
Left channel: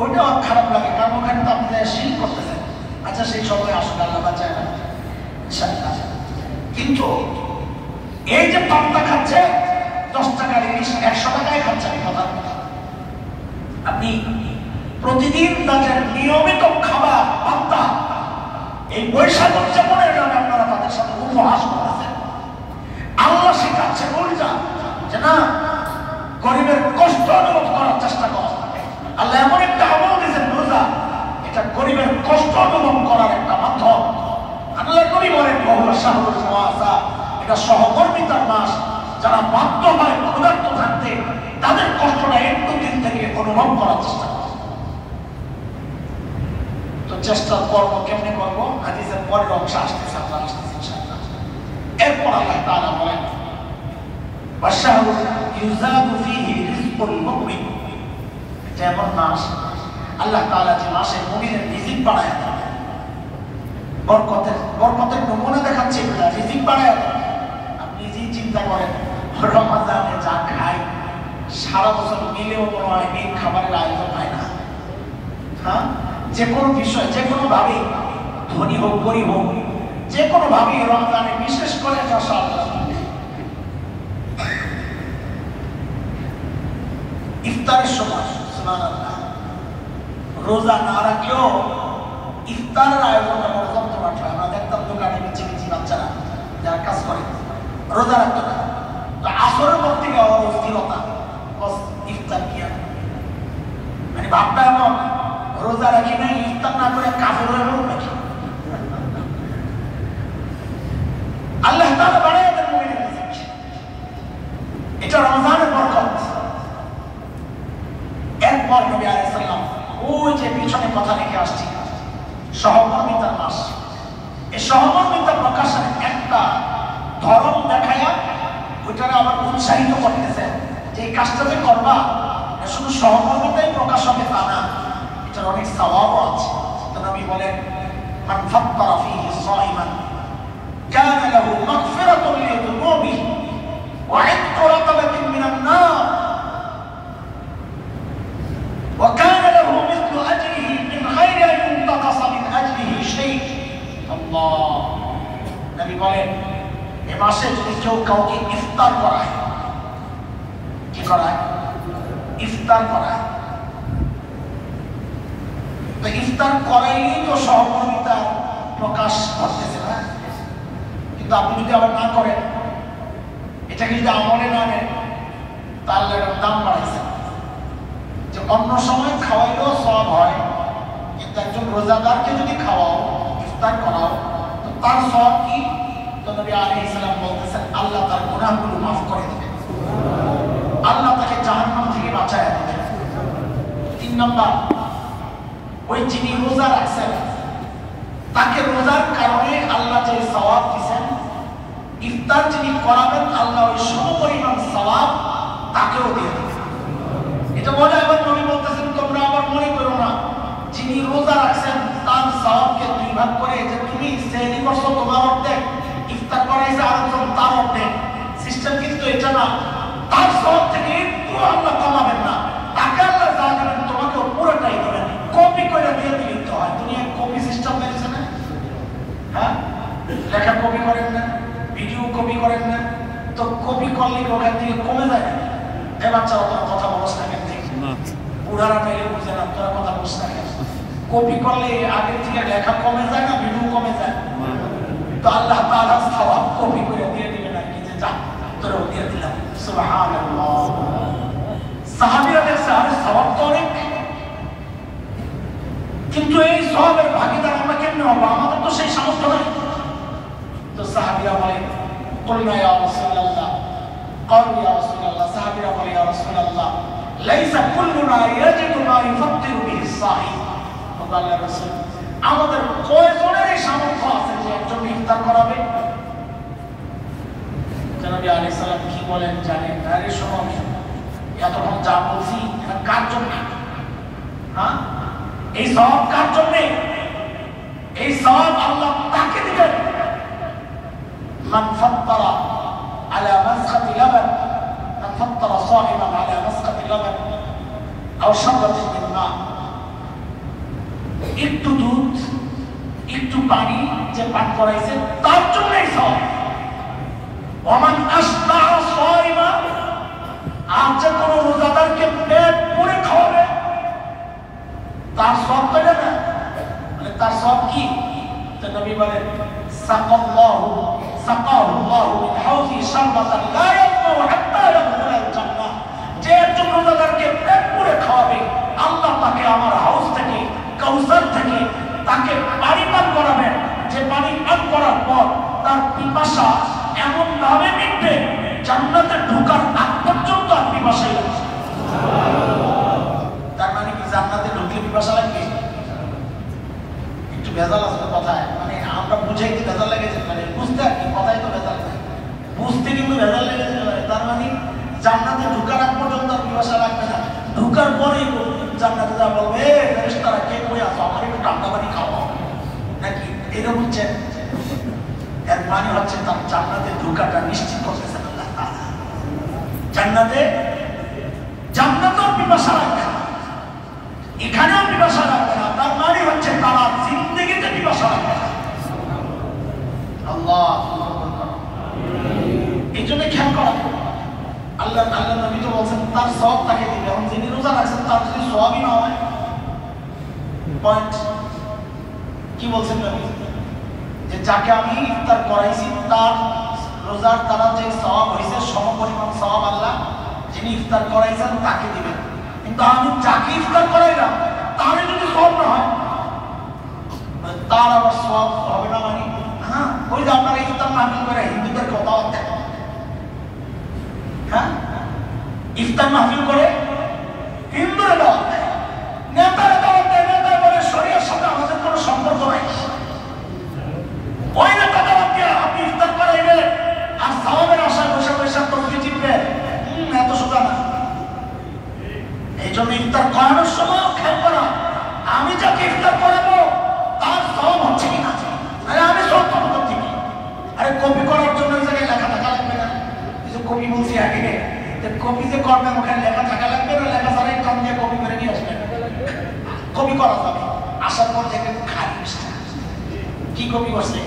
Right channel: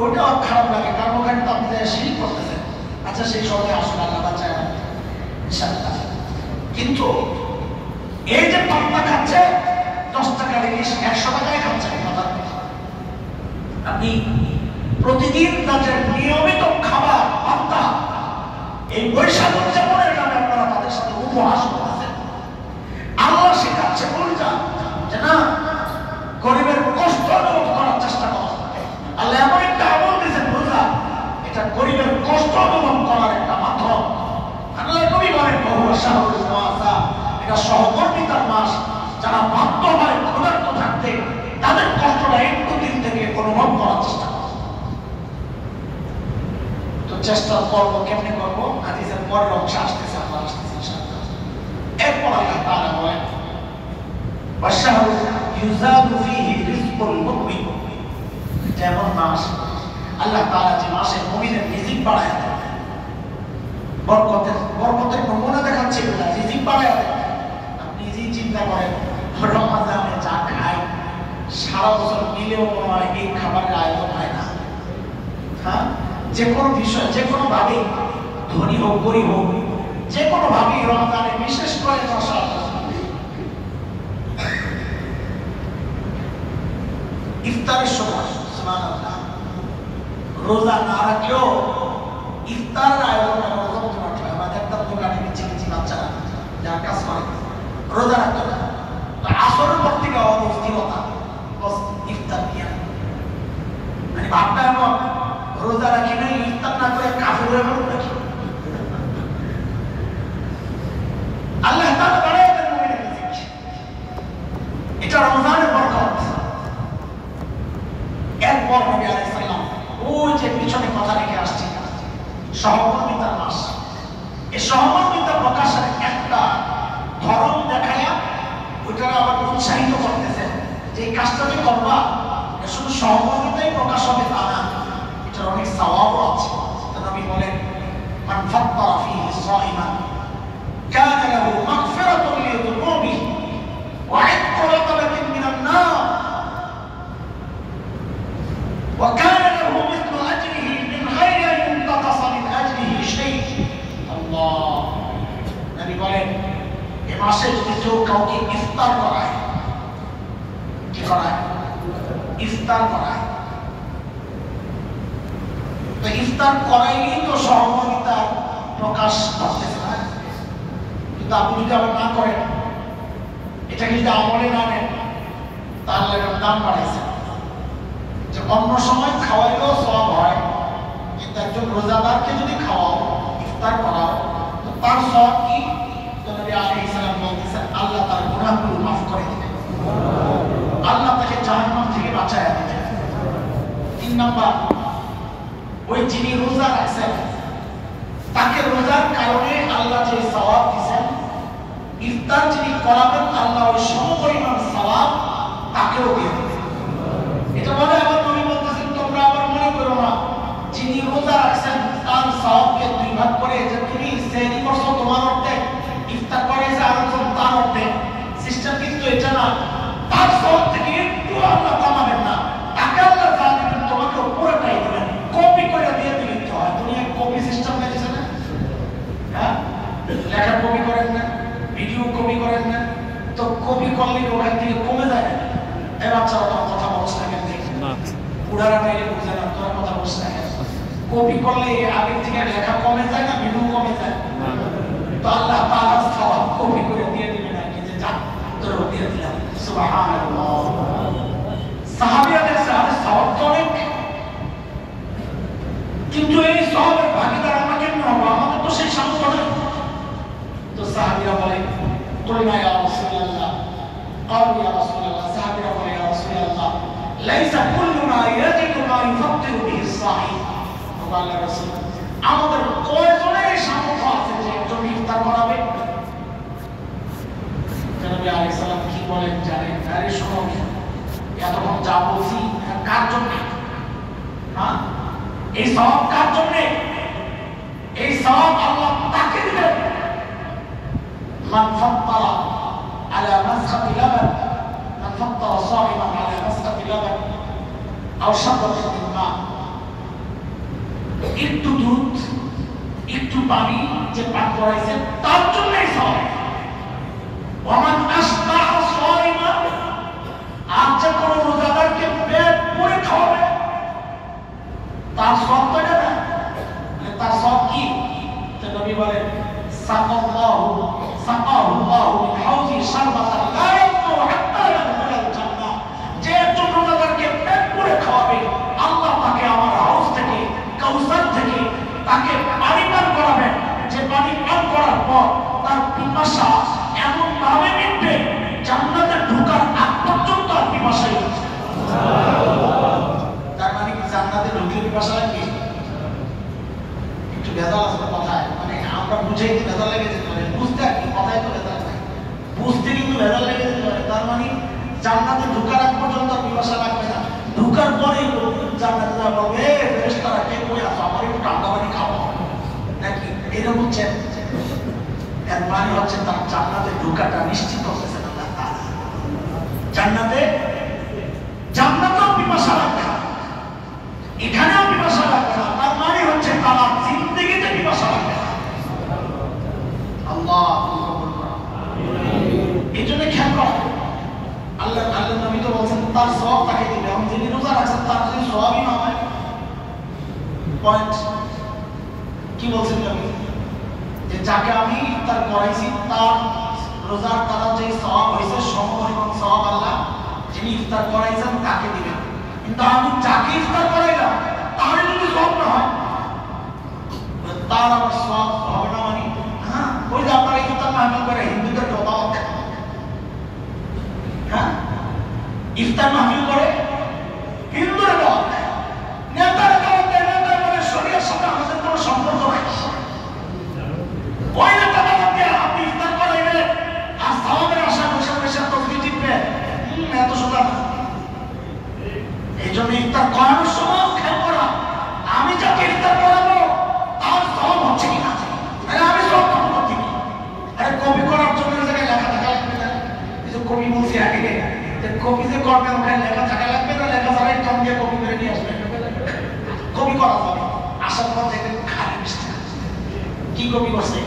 ওইটাও খারাপ লাগে, কারণ ওখানে তো আপনি শিল করতেছেন। আচ্ছা সেই সময় আসলে আল্লাহ বাঁচায় না, কিন্তু এই যে পান্তা খাচ্ছে 10 টাকার ইলিশ 100 টাকায় খাচ্ছেন, আপনি প্রতিদিন তাদের নিয়মিত খাবার পান্তা, এই বৈশাখ উদযাপনের নামে আপনারা তাদের সাথে উপহাস করতেছেন। আল্লাহ শেখাচ্ছে বলটা যে না, গরিবের কষ্ট অনুভব করার চেষ্টা করো। আল্লাহ এমন একটা আমল দিয়েছেন রোজা, এটা গরিবের কষ্ট অনুভব করার একটা মাধ্যম। আল্লাহ নবী বলেন বহু শাহরুল মুআসা, এটা সহমর্মিতার মাস। যারা বাধ্য হয় ক্ষুধার্ত থাকতে তাদের কষ্টটা একটু দিন থেকে অনুভব করার চেষ্টা করো। তো চেষ্টা করবো, কেমনে করবো? হাদিসের পরের অংশ আসতেছে, আমরা আসতেছি ইনশাআল্লাহ। এরপর আল্লাহ তাআলা বলেন ওয়াশাহরু ইউজাদু ফীহি রিজকুল মুমিন, এটা এমন মাস আল্লাহ তাআলা যে মাসে মুমিনের রিজিক বাড়ায় দেন, বরকতের নমুনা দেখাচ্ছে এগুলা, রিজিক বাড়ায় দেন। আপনি নিজেই চিন্তা করেন, রমাদানে যা খায় সারা বছর মিলেও মনে হয় এই খাবারের আয়োজন হয় না। হ্যাঁ, যে কোনো বিষয়, যে কোনো ভাবে, ধনী হোক গরিব হোক, যে কোনো ভাবে রমাদানে বিশেষ করে ইফতারের সময় রোজা না রাখলেও ইফতারের আয়োজনটা বড় জমজমাট হয়। আমরা দেখতাম দোকানে মিচি মিচি বাচ্চারা যারা কাজ করে রোজা রাখতে না, আসরের পর থেকে অস্থিরতা, ইফতার কিয়া মানে ভাবটা এমন, রোজা রাখি না ইফতার না করে কাফের হয়ে মরবে নাকি? আল্লাহ তাআলা বাড়ায় দেন মুমিনের রিজিক, এটা রমজানের বরকত। এরপর নবী আলাইহিস সালাম ওই যে পিছনে কথা রেখে আসছি সহমর্মিতার মাস, এই সহমর্মিতা প্রকাশের একটা ধরন দেখায়া ওইটাকে আবার উৎসাহিত করতেছে যে এই কাজটা যে করবা শুধু সহমর্মিতাই প্রকাশ হবে তা না, এটার অনেক সওয়াবও আছে। নবী বলেন মান ফাত্তারা ফীহি সাইমান কানা লাহু মাগফিরাতুন লিযুনুবিহি ওয়া ইতকু রাকাবাতিন মিনান নার ওয়া কানা লাহু মিসলু আজরিহি মিন গায়রি আন ইনতাকাসা মিন আজরিহি শাই। আল্লাহ, নবী বলেন এই মাসে যদি কেউ কাউকে ইফতার করায়, কি করায়? ইফতার করায়, তো ইফতার করাইলেই তো সহমর্মিতা প্রকাশ করতেছে না। কিন্তু আপনি যদি আবার না করেন, এটাকে যদি আমলে না নেন, তাহলে এটার দাম বাড়াইছে। যে অন্য সময় খাওয়াইলেও সওয়াব হয়, কিন্তু একজন রোজাদারকে যদি খাওয়াও, ইফতার করাও, তো তার সওয়াব কি? তো নবী আলাইহিস সালাম বলতেছেন আল্লাহ তার গুনাহগুলো মাফ করে দিবেন, আল্লাহ তাকে জাহান্নাম থেকে বাঁচায় দিবেন। 3 নাম্বার, ওই যিনি রোজা রাখছেন তাকে রোজার কারণে আল্লাহ যে সওয়াব দিবেন, ইফতার যিনি করাবেন আল্লাহ ওই সমপরিমাণ সওয়াব তাকেও দিয়ে দিবেন। এটা বলে আবার নবী বলতেছেন তোমরা আবার মনে করো না যিনি রোজা রাখছেন তার সওয়াবকে 2 ভাগ করে যে তুমি সেহরি করছো তোমার অর্ধেক, ইফতার করাইছে আরেকজন তার অর্ধেক। সিস্টেম কিন্তু এটা না, তার সওয়াব থেকে একটু আল্লাহ কমাবেন না, তাকে আল্লাহ যা দেবেন তোমাকে পুরোটাই দেবেন। কপি করে দিয়ে দিতে হয়, দুনিয়া কপি সিস্টেম হয়েছে না? হ্যাঁ, লেখা কপি করেন না, ভিডিও কপি করেন না, তো কপি করলে ওখান থেকে কমে যায় না। এ বাচ্চা ওরা কথা বলছ না কেন? পুরাটা বুঝে না, তোরা কথা বলছ না কেন? কপি করলে আগের থেকে লেখা কমে যায় না, ভিডিও কমে যায়। তো আল্লাহ তাআলা সওয়াব কপি করে দিয়ে দিবেন না, কি যে যা তোরা দিয়ে দিলাম। সুবহানাল্লাহ, সাহাবীরা দেখছে আরে সওয়াব তো অনেক, কিন্তু এই সওয়াবের ভাগীদার আমরা কেমনে হব? আমাদের তো সেই সামর্থ্য নেই। তো সাহাবীরা বলে কুলনা ইয়া রাসূলুল্লাহ قالوا يا رسول الله সাহাবীরা বলে ইয়া রাসূলুল্লাহ লাইসা কুল্লুনা ইয়াজিদু মা ইফাত্তিরু বিহি الصائم আল্লাহর রাসূল আমাদের কয়জনের সামর্থ্য আছে যে একজন ইফতার করাবে নবী আলাইহিস সালাম কি বলেন জানেন আরে শোনো এতক্ষণ যা বলছি কার জন্য হ্যাঁ এই সওয়াব কার জন্য এই সওয়াব আল্লাহ তাকে দিবেন মান ফাত্তারা على مسخة لبن من فطر صائما على مسخة لبن أو شربة من ماء একটু দুধ একটু পানি যে পান করাইছে তার জন্যই সওয়াব ওমান আশবা সাইমা আর যে কোনো রোজাদারকে পেট পুরে খাওয়াবে তার সওয়াব তো না মানে তার সওয়াব কি তো নবী বলেন সাকাল্লাহু সাকাহু আল্লাহু মিন হাউজি শারবাতান লা ইয়ামু হাত্তা ইয়াদখুলাল জান্নাহ যে একজন রোজাদারকে পেট পুরে খাওয়াবে আল্লাহ তাকে আমার হাউজ থেকে কাউসার থেকে তাকে পানি পান করাবেন যে পানি পান করার পর তার পিপাসা এমন ভাবে মিটবে জান্নাতে ঢোকার আগ পর্যন্ত আর পিপাসাই তার মানে কি জান্নাতে ঢুকলে পিপাসা লাগবে একটু ভেজাল আছে কথায় মানে আমরা বুঝাইতে ভেজাল লেগেছে মানে বুঝতে আর কি কথাই তো ভেজাল নাই বুঝতে কিন্তু ভেজাল লেগে যেতে পারে তার মানে জান্নাতে ঢোকার আগ পর্যন্ত পিপাসা লাগবে না ঢোকার পরে জান্নাতে যা বলবে ফেরেশতারা কে কই আসো আমার একটু ঠান্ডা পানি খাও নাকি এরকম হচ্ছে এর মানে হচ্ছে তার জান্নাতে ঢোকাটা নিশ্চিত করতেছেন আল্লাহ তাআলা জান্নাতেও পিপাসা লাগবে না এখানেও পিপাসা লাগবে না তার মানে হচ্ছে তারা জিন্দেগিতে পিপাসা লাগবে না আল্লাহ এই জন্য খেয়াল করা আল্লাহ নবী তো বলছেন তার সওয়াব তাকে দিবে এবং যিনি রোজা রাখছেন তার যদি সওয়াবই না হয় পয়েন্ট কি বলছেন নবী যে যাকে আমি ইফতার করাইছি তার রোজার দ্বারা যে সওয়াব হয়েছে সমপরিমাণ সওয়াব আল্লাহ যিনি ইফতার করাইছেন তাকে দিবেন কিন্তু আমি যাকে ইফতার করাইলাম তার যদি সওয়াব না হয় তার আবার সওয়াব হবে না মানে হ্যাঁ ওই যে আপনারা ইফতার মাহফিল করে হিন্দুদেরকে দাওয়াত দেন হ্যাঁ ইফতার মাহফিল করে হিন্দুরা দাওয়াত দেয় নেতারা দাওয়াত দেয় নেতা বলে শরীয়তের সাথে আমাদের কোনো সম্পর্ক নাই ওই নেতা দাওয়াত দিয়ে আপনি ইফতার করাইবেন আর সওয়াবের আশায় বসে বসে তসবিহ টিপবেন এত সোজা না এই জন্য ইফতার করানোর সময় খেয়াল করা আমি যাকে ইফতার করাবো তার সওয়াব হচ্ছে কিনা আরে আমি সব ক্ষমতা থেকে আরে কপি করার জন্য এই জায়গায় লেখা থাকা লাগবে না এই যে কপি বলছি আগে যে কপি যে করবেন ওখানে লেখা থাকা লাগবে না লেখা ছাড়াই কম দিয়ে কপি করে নিয়ে আসবেন কপি করা যাবে আসার পর দেখবেন খালি মিষ্টি কি কপি করছে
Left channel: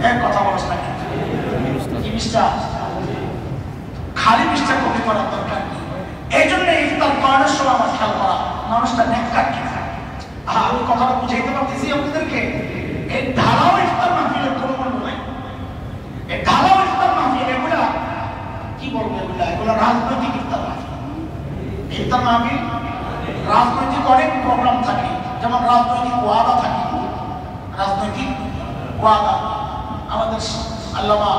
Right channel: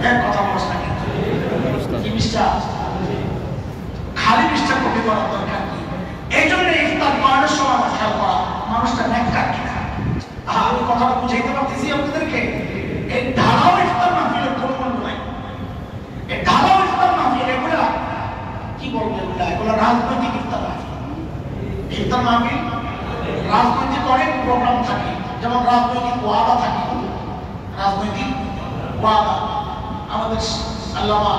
হ্যাঁ কথা বলছ না কি মিষ্টা খালি মিষ্টা কপি করার দরকার কি এই জন্য ইফতার করানোর সময় আমার খেয়াল করা মানুষটা নেককার কিনা আমি কথাটা বুঝাইতে পারতেছি আপনাদেরকে এই ধারাও ইফতার মাহফিলের কোনো মূল্য নাই এই ধারাও ইফতার মাহফিল এগুলা কি বলবো এগুলা রাজনৈতিক ইফতার মাহফিল ইফতার মাহফিল রাজনৈতিক অনেক প্রোগ্রাম থাকে যেমন রাজনৈতিক ওয়াদা থাকে রাজনৈতিক ওয়াদা আমাদের আল্লামা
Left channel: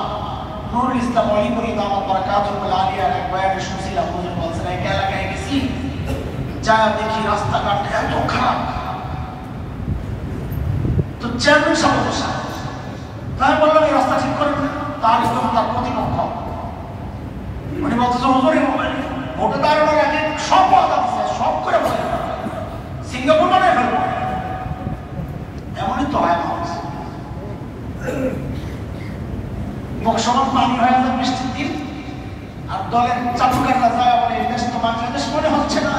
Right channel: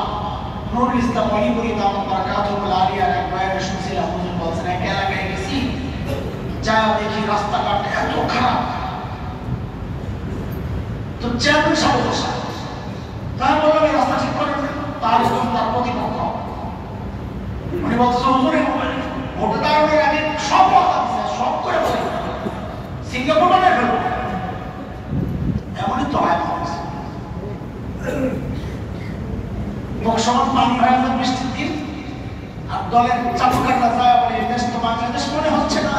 নুরুল ইসলাম আলিপুরি দামাত বারাকাতুহুল আলিয়ার এক বয়ানে শুনছিলাম উনি বলছেন এক এলাকায় গেছি যায় দেখি রাস্তাঘাট এত খারাপ তো চেয়ারম্যান সাহেব বসা তাই বললাম এই রাস্তা ঠিক করেন তার একদম তার প্রতিপক্ষ উনি বলতেছে হুজুরে ভোটে দাঁড়ানোর আগে সব কথা দিচ্ছে সব করে বলে সিঙ্গাপুর বানায় ফেলবো এমনই তো হয় সমাজ পানি হয়ে যায় বৃষ্টির দিন আর দলের চালুকাররা যায় বলে এই দেশ তো বাংলাদেশ মনে হচ্ছে না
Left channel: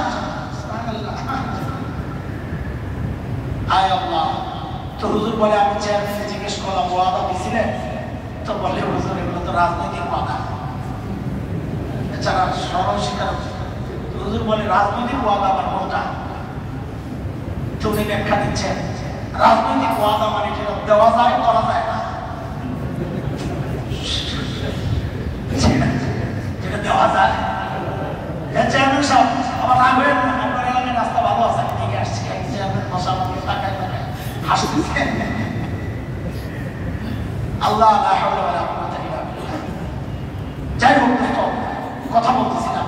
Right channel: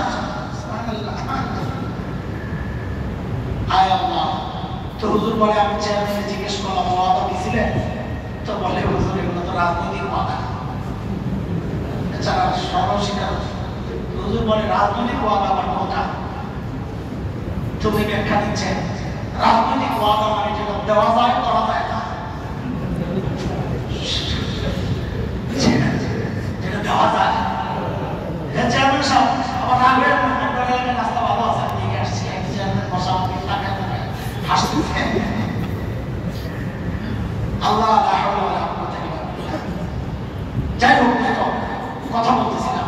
আয় আল্লাহ তো হুজুর বলে আমি চেয়ারম্যানকে জিজ্ঞেস করলাম ওয়াদা দিছিলেন তো বলে হুজুর এগুলো তো রাজনৈতিক ওয়াদা এছাড়া সরল শিকার হুজুর বলে রাজনৈতিক ওয়াদা আবার কোনটা তুমি ব্যাখ্যা দিচ্ছেন রাজনৈতিক ওয়াদা মানে যেটা দেওয়া যায় করা যায় না যেটা দেওয়া যায় চেয়ারম্যান সাহেব আমার রাগ হয়ে আপনার এলাকায় রাস্তা ভালো আছে আমি দিকে আসছি এক চেয়ারম্যান বসা আমাকে টাকা হাসতেছে আল্লাহ যাই হোক কথা বলতেছিলাম,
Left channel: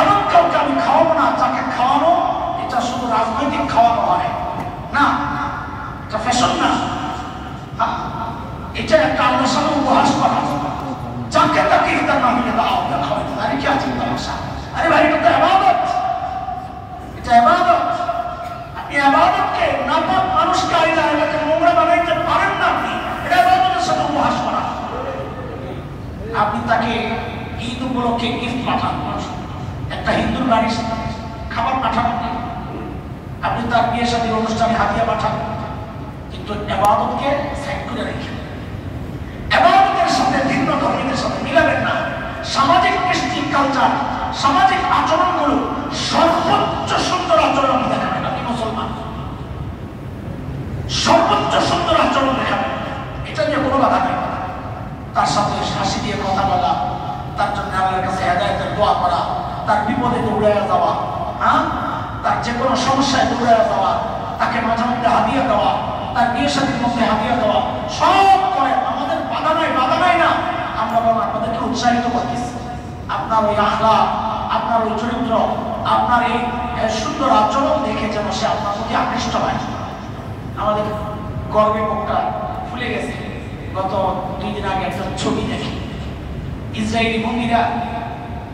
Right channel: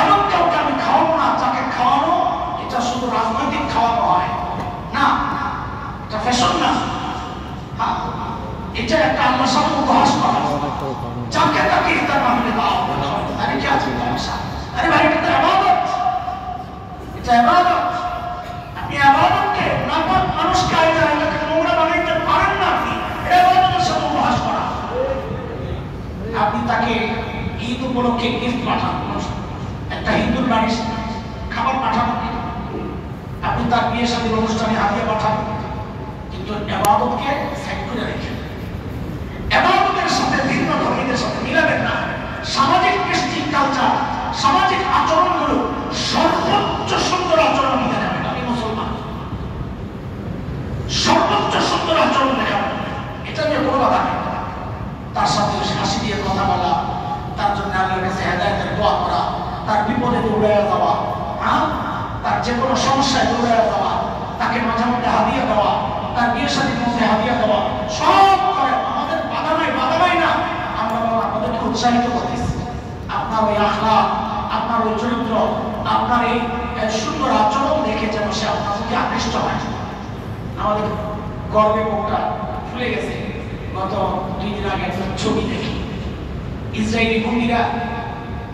এমন কাউকে আমি খাওয়াবো না যাকে খাওয়ানো এটা শুধু রাজনৈতিক খাওয়ানো হয় না, এটা ফ্যাশন না, হ্যাঁ এটা একটা আল্লাহর সামনে উপহাস করা, যাকে তাকে ইফতার না হলে দাও খাওয়াতে, আরে কি আছে সমস্যা? আরে ভাই এটা তো ইবাদত, এটা ইবাদত। আপনি ইবাদতকে নাপাক মানুষকে আইলা এলাকে নোংরা বানাইতে পারেন না, আপনি এটা ইবাদতের সাথে উপহাস করা। আপনি তাকে ঈদ উপলক্ষে গিফট পাঠান, একটা হিন্দুর বাড়ি খাবার পাঠান, আপনি তার বিয়ে সাথে অনুষ্ঠানে হাদিয়া পাঠান, কিন্তু ইবাদতকে সাইড করে রেখেন। ইবাদতের সাথে ভিন্ন ধর্মীদের সাথে মিলাবেন না। সামাজিক কৃষ্টি কালচার, সামাজিক আচরণগুলো সর্বোচ্চ সুন্দর আচরণ দেখাবেন। আপনি মুসলমান, সর্বোচ্চ সুন্দর আচরণ দেখাবেন, এটা নিয়ে কোনো বাধা নেই। তার সাথে হাসি দিয়ে কথা বলা, তার জন্য আল্লাহর কাছে হেদায়েতের দোয়া করা, তার বিপদে দৌড়াইয়া যাওয়া, হ্যাঁ তার যে কোনো সমস্যায় দৌড়াইয়া যাওয়া, তাকে মাঝে মধ্যে হাদিয়া দেওয়া, তার বিয়ে শাদীর মধ্যে হাদিয়া দেওয়া, সব করে আমাদের বাধা নাই না। আমরা বলবো আপনাদেরকে উৎসাহিত করতেছি, আপনার ওই আখলাক, আপনার ওই চরিত্র, আপনার এই সুন্দর আচরণ দেখে যেন সে আপনার প্রতি আকৃষ্ট হয়। আমাদের গর্বে মুখটা ফুলে গেছে। গত 2 দিন আগে একটা ছবি দেখি, ইসরায়েলি বন্দীরা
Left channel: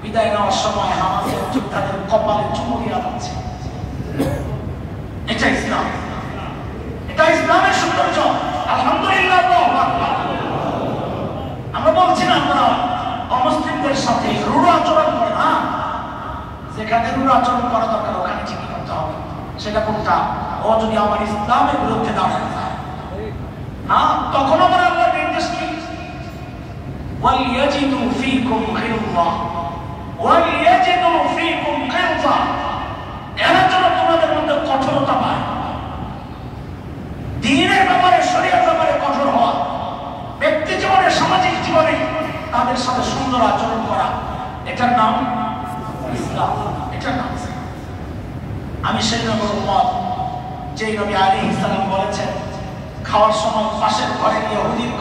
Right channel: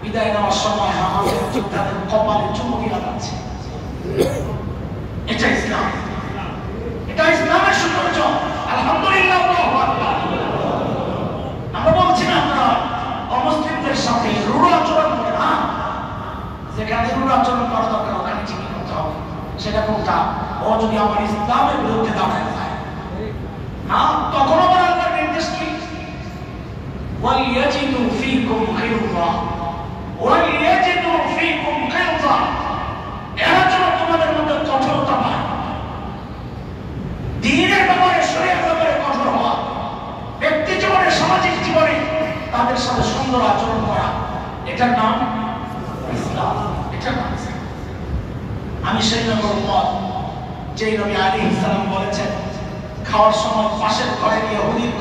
বিদায় নেওয়ার সময় আমাদের তাদের কপালে চুমু দেওয়া যাচ্ছে। এটা ইসলাম, এটা ইসলামের সৌন্দর্য। আলহামদুলিল্লাহ, আমরা বলছি না আমরা অমুসলিমদের সাথে রূঢ় আচরণ করে না, যেখানে রূঢ় আচরণ করা দরকার ওখানে ঠিকই করতে হবে। সেটা কোনটা? ও যদি আমার ইসলামের বিরুদ্ধে দাঁড়ায় যায়, হ্যাঁ তখন আমার আল্লাহর নির্দেশ কি? ওয়ালিয়াজিদু ফীকুম গিলযা, ওয়ালিয়াজিদু ফীকুম গিলযা, এরা যেন তোমাদের মধ্যে কঠোরতা পায়। দ্বীনের ব্যাপারে, শরীয়তের ব্যাপারে কঠোর হওয়া, ব্যক্তি জীবনে, সামাজিক জীবনে তাদের সাথে সুন্দর আচরণ করা, এটার নাম ইসলাম, এটার নাম। আমি সেই নবীর উম্মত, যেই নবী আলাইহিস সালাম বলেছেন খাওয়ার সময় পাশের ঘরে গিয়ে ইহুদির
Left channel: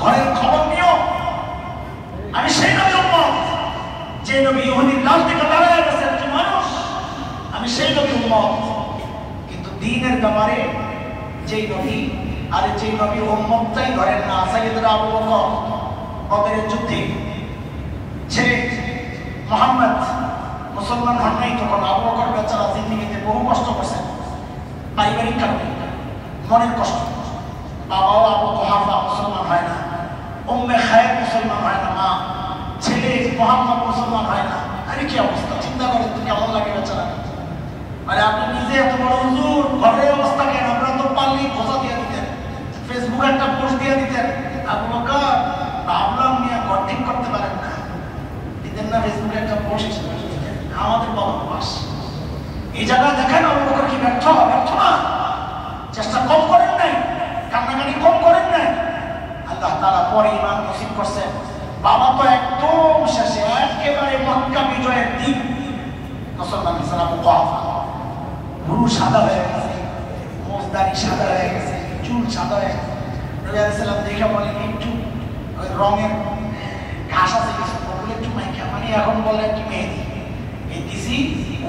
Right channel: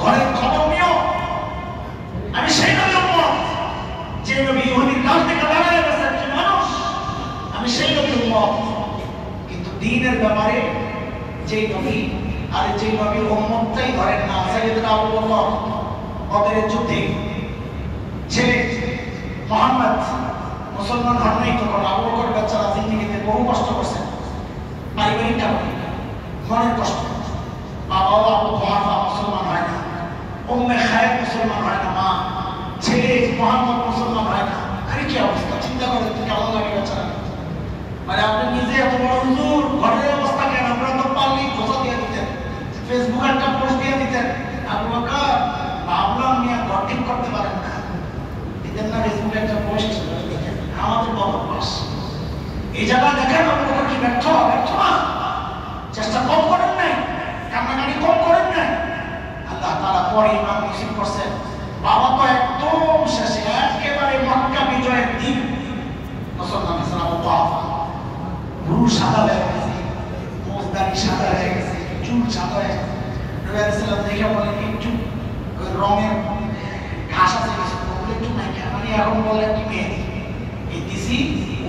ঘরের খবর নিও। আমি সেই নবীর উম্মত, যে নবী ইহুদির কাছ থেকে দাঁড়ায় গেছেন যে মানুষ, আমি সেই নবীর উম্মত। কিন্তু দ্বীনের ব্যাপারে যেই নবী, আর যেই নবীর উম্মতটাই ধরেন না, সাইয়েদনা আবু বকর বদরের যুদ্ধে ছেলে মুহাম্মদ মুসলমান হন নাই তখন। আবু বকর বেচারা জিন্দেগিতে বহু কষ্ট করছেন, পারিবারিক কারণে, মনের কষ্ট। বাবাও আবু কুহাফা মুসলমান হয় না, উম্মে খায়ের মুসলমান হয় না, মা ছেলে মুহাম্মদ মুসলমান হয় না। আরে কি অবস্থা, চিন্তা করেন তো কেমন লাগে বেচারা। মানে আপনি নিজে এত বড় হুজুর, ঘরের অবস্থা কেন? আমরা তো পারলেই খোঁজা দিয়ে দিতেন, ফেসবুকে একটা পোস্ট দিয়ে দিতেন, আবু বকর ভাবলাম নিয়ে ঘর ঠিক করতে পারেন না, দিতেন না ফেসবুকে একটা পোস্ট। আমাদের বদভ্যাস এই জায়গায় দেখেন আবু বকর কি ব্যর্থ না? চেষ্টা কম করেন নাই, কান্নাকাটি কম করেন নাই। আল্লাহ তাআলা পরে ঈমান নসিব করছেন। বাবা তো একদম শেষে, একেবারে মক্কা বিজয়ের দিন মুসলমান হিসেবে আবু কুহাফা ভুরু সাদা হয়ে গেছে, মোজদারি সাদা হয়ে গেছে, চুল সাদা হয়ে গেছে। নবী আলাইহিস সালাম দেখে বলেন একটু ওই রঙের ঘাস আছে কিছু, ওগুলো একটু মাইকা, মানে এখন বলে কি মেহেদি এই দিছি।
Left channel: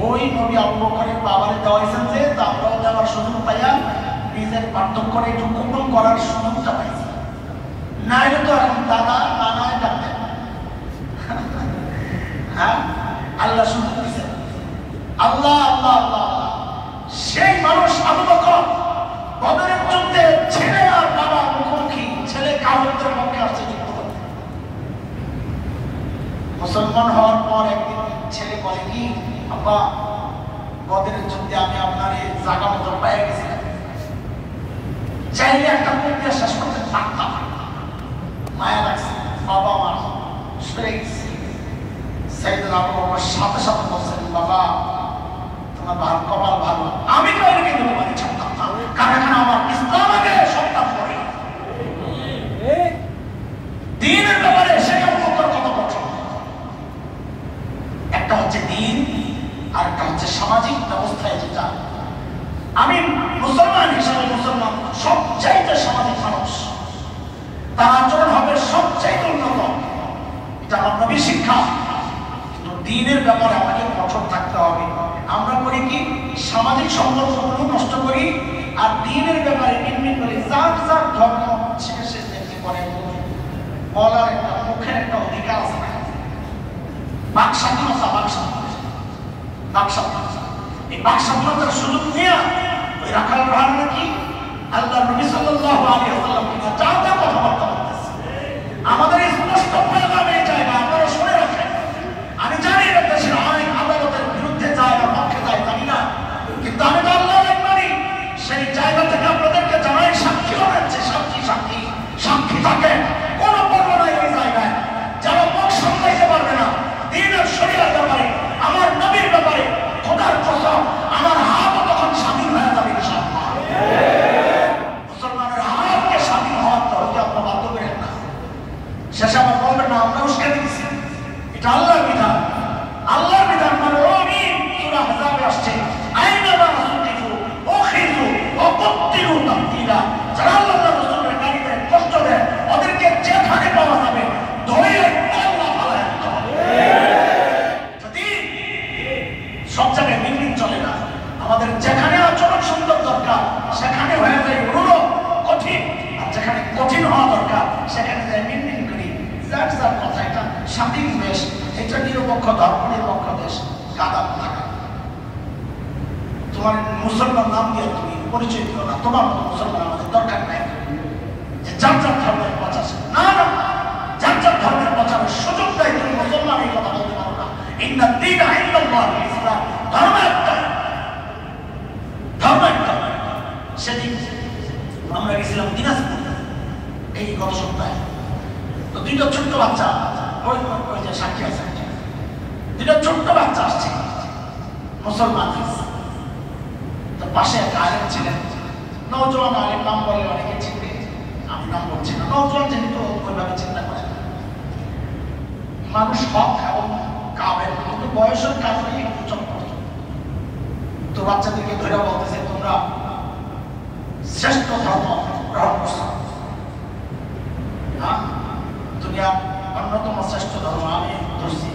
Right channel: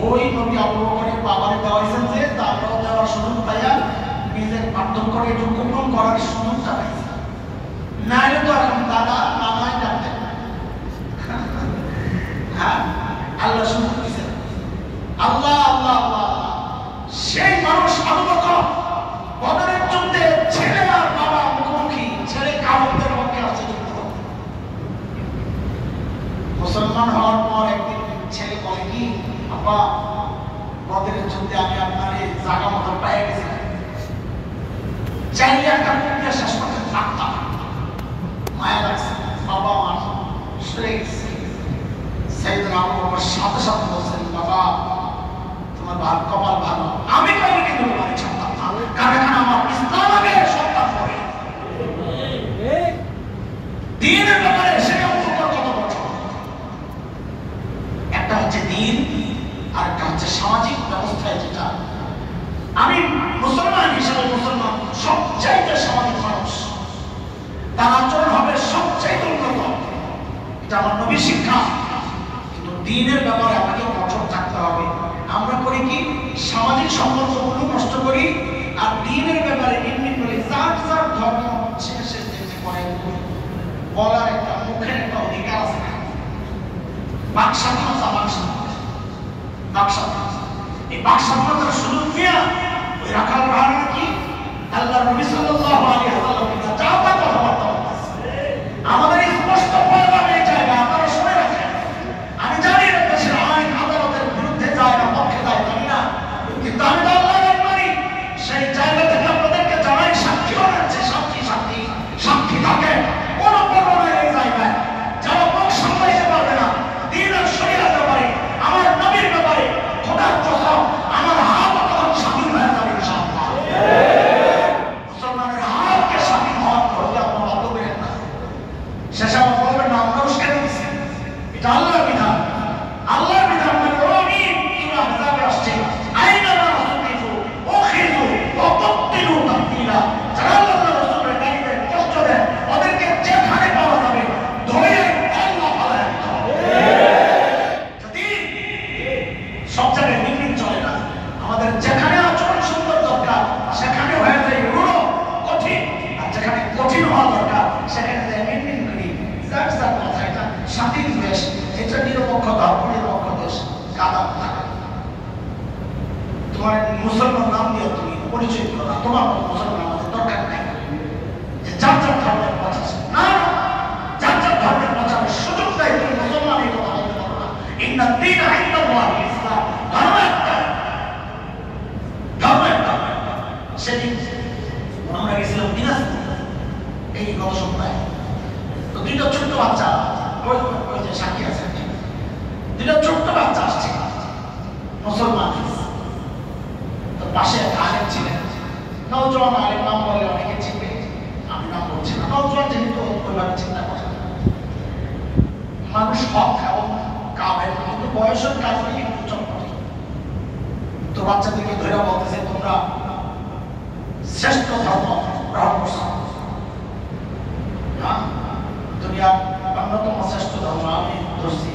ওই নবী আবু বকরের বাবারে দেওয়াইছেন যে তারপরেও দেওয়ার সুযোগ পাইয়া নিজের পার্থক্য করে একটু গোপন করার সুযোগটা পাইছে, নাইলে তো এখন দাদা নানায় ডাকতেন। হ্যাঁ আল্লাহ সুযোগ দিয়েছেন, আল্লাহ আল্লাহ আল্লাহ। সেই মানুষ আবু বকর বদরের যুদ্ধে ছেলে আর বাবার মুখোমুখি, ছেলে কাফেরদের পক্ষে আসছে যুদ্ধ। মুসলমান হওয়ার পর একদিন ছেলে বলে কি, আব্বা বদরের যুদ্ধে আমি আপনার এই জায়গা মতো পেয়ে গেছি, চাইলে একটা প্রক্রিয়া শেষ করতে পারতাম। মায়া লাগছে, বাবা আমার সরে গেছে। সাইয়েদনা আবু বকর সাথে সাথে বলছেন, বাবা তোমার কপাল ভালো, আমি কাউকে কিন্তু তোমাকে ছাড়তাম না, কারণ আমার ইসলাম আগে সন্তান পড়ে। দ্বীনের ব্যাপারে সেটা কত কঠোর। একটা হচ্ছে দ্বীন, আর একটা হচ্ছে সামাজিক ব্যবস্থায় যেটা। আমি মুসলমান হিসেবে মুসলমান সবচাইতে সামাজিক মানুষ, তার আচরণ হবে সবচাইতে উন্নত। এটা আমার নবীর শিক্ষা, দ্বীনের ব্যাপারে আমাকে কঠোর থাকতে হবে। আমরা করি কি সামাজিক সম্পর্কগুলো নষ্ট করি আর দ্বীনের ব্যাপারে নির্মিত করি। যার যার ধর্ম শেষে দেখে পরে বলার একটা মুখের একটা অধিকার আছে না, বাক স্বাধীনতা, এই বাক স্বাধীনতার সুযোগ নিয়ে ওই রাখাল রানা কি আল্লাহ নবী সাল্লাল্লাহু আলাইহি ওয়াসাল্লাম যা তা কথাবার্তা আমাদের স্পষ্ট পয়গাম এই জায়গা আপনারা শুনে রাখেন। আমি জানি না দেশের আইন আদালতের বিরুদ্ধে যায় না পক্ষে যায় জানি না, কিন্তু আমি তো আল্লাহর মানি। সেই জায়গা থেকে আপনাদেরকে জানাই সাক্ষীও রয়েছে, সাক্ষী থাকে কোনো পর্ব নাই এই জায়গায়। যারা মুখ সামলাইতে পারবে না দ্বীন আর শরীয়তের ব্যাপারে, আমার নবীর ব্যাপারে, খোদার কসম আমার হাত তখন স্বাধীন হয়ে যাবে ইনশাআল্লাহ। মুসলমানের হাতকে স্বাধীন হওয়ার হতে আপনার বাধ্য করেন না। শেষে আমার বলবেন না আমরা উস্কে দিচ্ছি, এটা আল্লাহর বিধান। আল্লাহর বিধান মানে আমি সূরা আহজাবে আসছে আইনা মা রাসূলু ওখিযু ওয়া কুতিলু তাকতিলা। যারা আল্লাহর রাসূলের গালিবে কষ্ট দেয় ওদেরকে যেখানে পাওয়া যাবে ধরে আল্লাহ ভালো যদি সব জায়গায় মিটিং চলে না। আমাদের যেখানে আচরণ সুন্দর দরকার সেখানে হয়ে যায় রুড়ো কঠিন, আর যেখানে কঠিন হওয়া দরকার সেখানে যায় মিনমিন করি। যার যার কথা, এটা স্বাধীন দেশ, এটা নিরপেক্ষ ধর্ম নিরপেক্ষ দেশ, কাদাম থাকে। তোমার মুসলমান নাম দিয়ে তুমি পরিচয় করো না, তোমার মতো মুসলমান আমাদের দরকার নাই। যে যার যার ধর্মের প্রচার না, যার যার ধর্মের প্রচারের সুযোগ দেয় তুমি মুসলমান এই কথা বলতে পারো না। ইন্না দ্বীন ইনদাল্লাহিল ইসলাম, ধর্ম একটা, ধর্ম একটা। সেদিন আমরা গেছিলাম দিনাজপুর এই গত সপ্তাহে, তো দুইটা ছোট্ট বাচ্চা, ওই যে সাক্ষী আছে, দুইটা ছোট্ট বাচ্চা আসছে মুসলমান। তো পাশে এক আলেম ছিলেন, নওজোয়ান আলেম, নাম বলে অনেকে চিনবে, আমি নাম বলছি না। নওজোয়ান যেহেতু ওইভাবে চিন্তা করে মানুষ হক এবং কামেল, কিন্তু বয়সের কাজে একটু চমক। তো বাচ্চাদেরকে ধরে বলতেছে তোমরা শ্রেষ্ঠ ধর্ম গ্রহণ করছো না, দুনিয়া অন্যতম শ্রেষ্ঠ ধর্ম আমি ধরছি,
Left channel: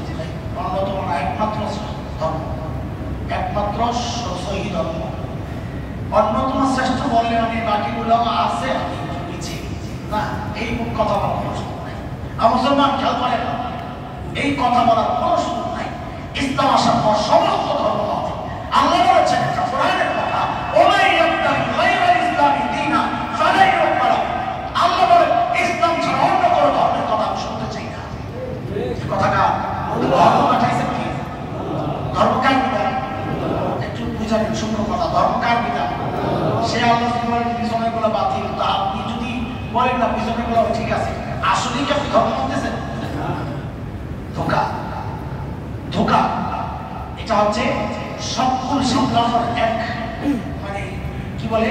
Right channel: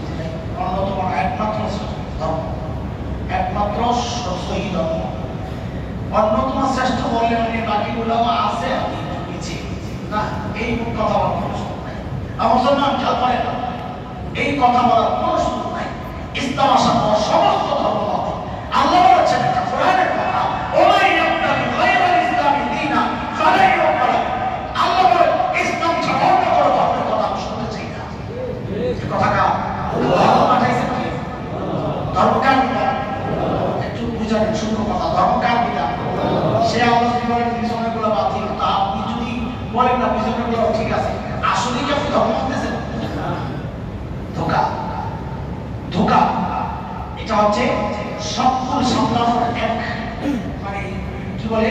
অন্যতম একমাত্র ধর্ম, একমাত্র সহি ধর্ম, অন্যতম শ্রেষ্ঠ বললেন আমি, বাকিগুলো আছে পিছিয়ে না। এই কথা বলার কোনো সুযোগ নাই। আর মুসলমান খেয়াল করে এই কথা বলার কোনো সুযোগ নাই। ইসলাম আসার পর সমস্ত ধর্ম আল্লাহ বলেছেন, এটা কোরআনের কথা, ওমাই ইয়াবতাগি গায়রাল ইসলামি দীনা ফালা ইউকবাল। আল্লাহ বলে ইসলাম ছাড়া অন্য কোনো ধর্মের কথা আমি শুনতে চাই না। এই কথাটা আল্লাহ পাঠাইছেন কি? ধর্ম কার বিধান? একটু বুঝার সূক্ষ্ম কথা, ধর্ম কার বিধান? সে আলোচনা বলেন পিছনেগুলো বাতিল, তা আপনি যদি বলেন না পিছনেগুলো ঠিক আছে, আসলে কি আপনি ধর্ম মানতেছেন? ধোঁকা, ধোঁকা। এটা হচ্ছে সকল সামলানোর এক মানে কি বলে,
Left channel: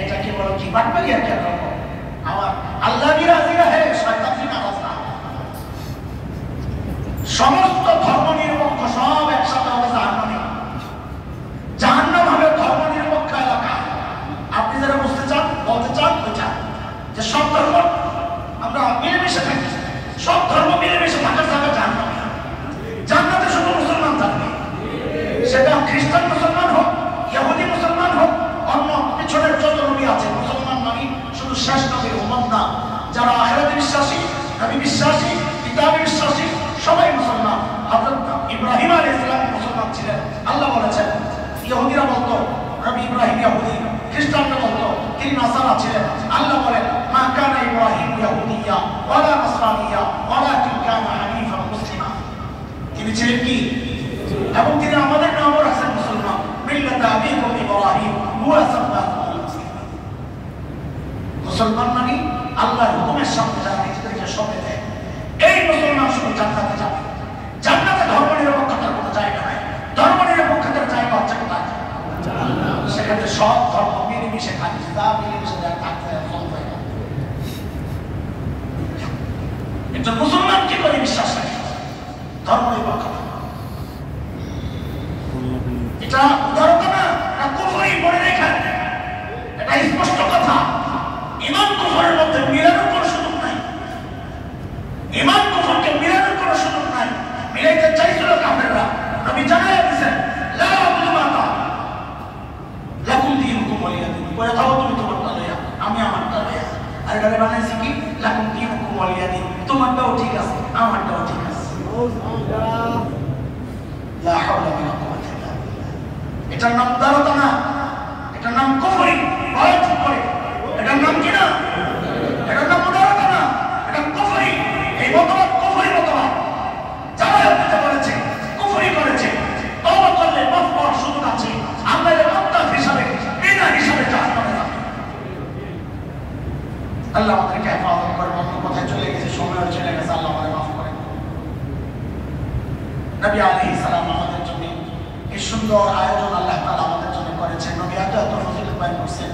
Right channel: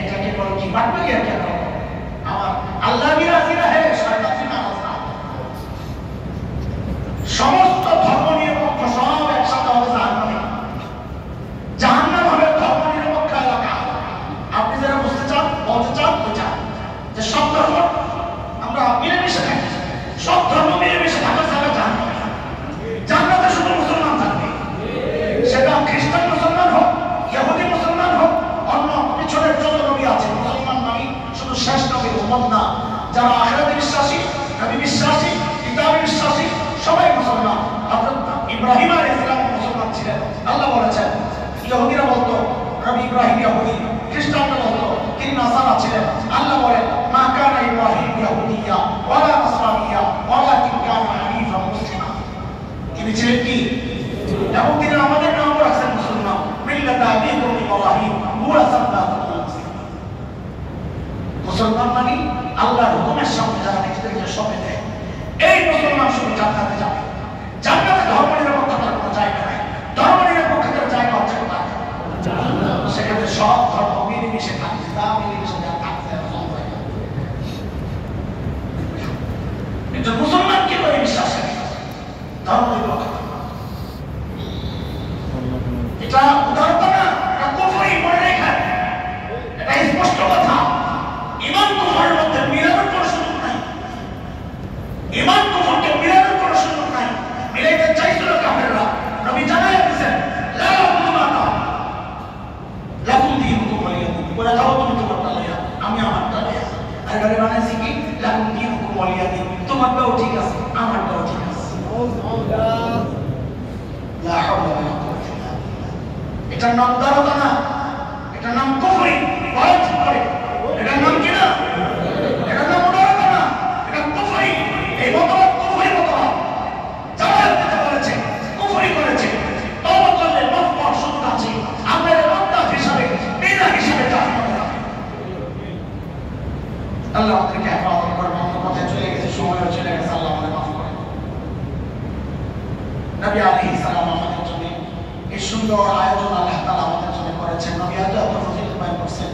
এটাকে বলে কি বাটপারি আর কি। আমার আল্লাহ কি রাজি না, হ্যাঁ শয়তান কি নারাজ না। সমস্ত ধর্ম নিরপেক্ষ সব একসাথে হবে জাহান্নামে। জাহান্নাম হবে ধর্ম নিরপেক্ষ এলাকা। আপনি যারা বুঝতে চান, বলতে চান, বোঝান যে সব ধর্ম আমরা মিলেমিশে থাকি, সব ধর্ম মিলেমিশে থাকা যাবে জাহান্নামে। জান্নাতে শুধু মুসলমান থাকবে, সেটা খ্রিস্টান মুসলমান হোক, ইহুদি মুসলমান হোক, অন্য পিছনের যত নবী আছে। মুসলমান মানে শুধু শেষ নবীর উম্মত না, যারা আখিরাতে বিশ্বাসী, নবী বিশ্বাসী, কিতাবে বিশ্বাসী, সবাই মুসলমান। হযরত ইব্রাহিম আলাইহিস সালাম মুসলমান ছিলেন। আল্লাহ বলেছেন, ইহুদিরা বলতো নবী ইব্রাহিম ইহুদি, খ্রিস্টানরা বলতো তিনি নাসারা ছিলেন। আল্লাহ বলেন, মা কানা ইব্রাহিম ইহুদিয়্যা ওয়ালা নাসরানিয়্যা ওয়ালাকিন কানা হানিফান মুসলিমা। তিনি ছিলেন কি? এবং তিনি আমাদের নামও রাখছেন মুসলমান। মিল্লাতা আবিকুম ইব্রাহিম হুয়া সাম্মাকুমুল মুসলিমিন। মুসলমান মানে আল্লাহর হুকুমের সামনে যারা নিজেদেরকে সঁপে দেয়, এই মুসলমান শুধু জান্নাতে যাবে। জান্নাতে ধর্ম নিরপেক্ষতার কোনো জায়গা নাই। ধর্ম নিরপেক্ষতার জায়গা হচ্ছে কোথায়? সেখানে সব ধর্ম মিলেমিশে থাকে, তা মিলেমিশে যারা থাকতে চলবে। একজন মুসলমান কি করে বিশ্বাস রাখে? ধর্ম নিরপেক্ষতা। এটা উদারতা না, এটা কুফরি, মনে রেখেন। এটা স্পষ্ট কথা। ঈমান কুফরের মধ্যে মিলানোর কোনো সুযোগ নাই। ঈমান কুফরকে মিলানোর কোনো সুযোগ নাই। মিলাইতে চাইছো এটার নাম উদারতা না, এটার নাম কুফরি। এটার নাম কি না? এটার নাম উদারতা না, এটা কুফরি। এই মতবাদ কুফরি মতবাদ। যারা দিতে বলেছে কুফরি করেছে, তওবা করলে মাফ পাওয়ার সুযোগ আছে। আমরা এর মুক্তাদ হিসাবে বিনা হিসাবে জাহান্নামে যাবে। আল্লাহ আমাদেরকে হেফাজত করবে। অন্য কথায় চলে গেছে, সময় চলে গেছে, আল্লাহ আমাদের মাফ করে। নবী আলাইহিস সালাম আমাদের জন্য এই সুন্দর আয়োজন আল্লাহ তাআলা আমাদের জন্য করেছেন। নবী এত ফজিলত বয়ান করছেন।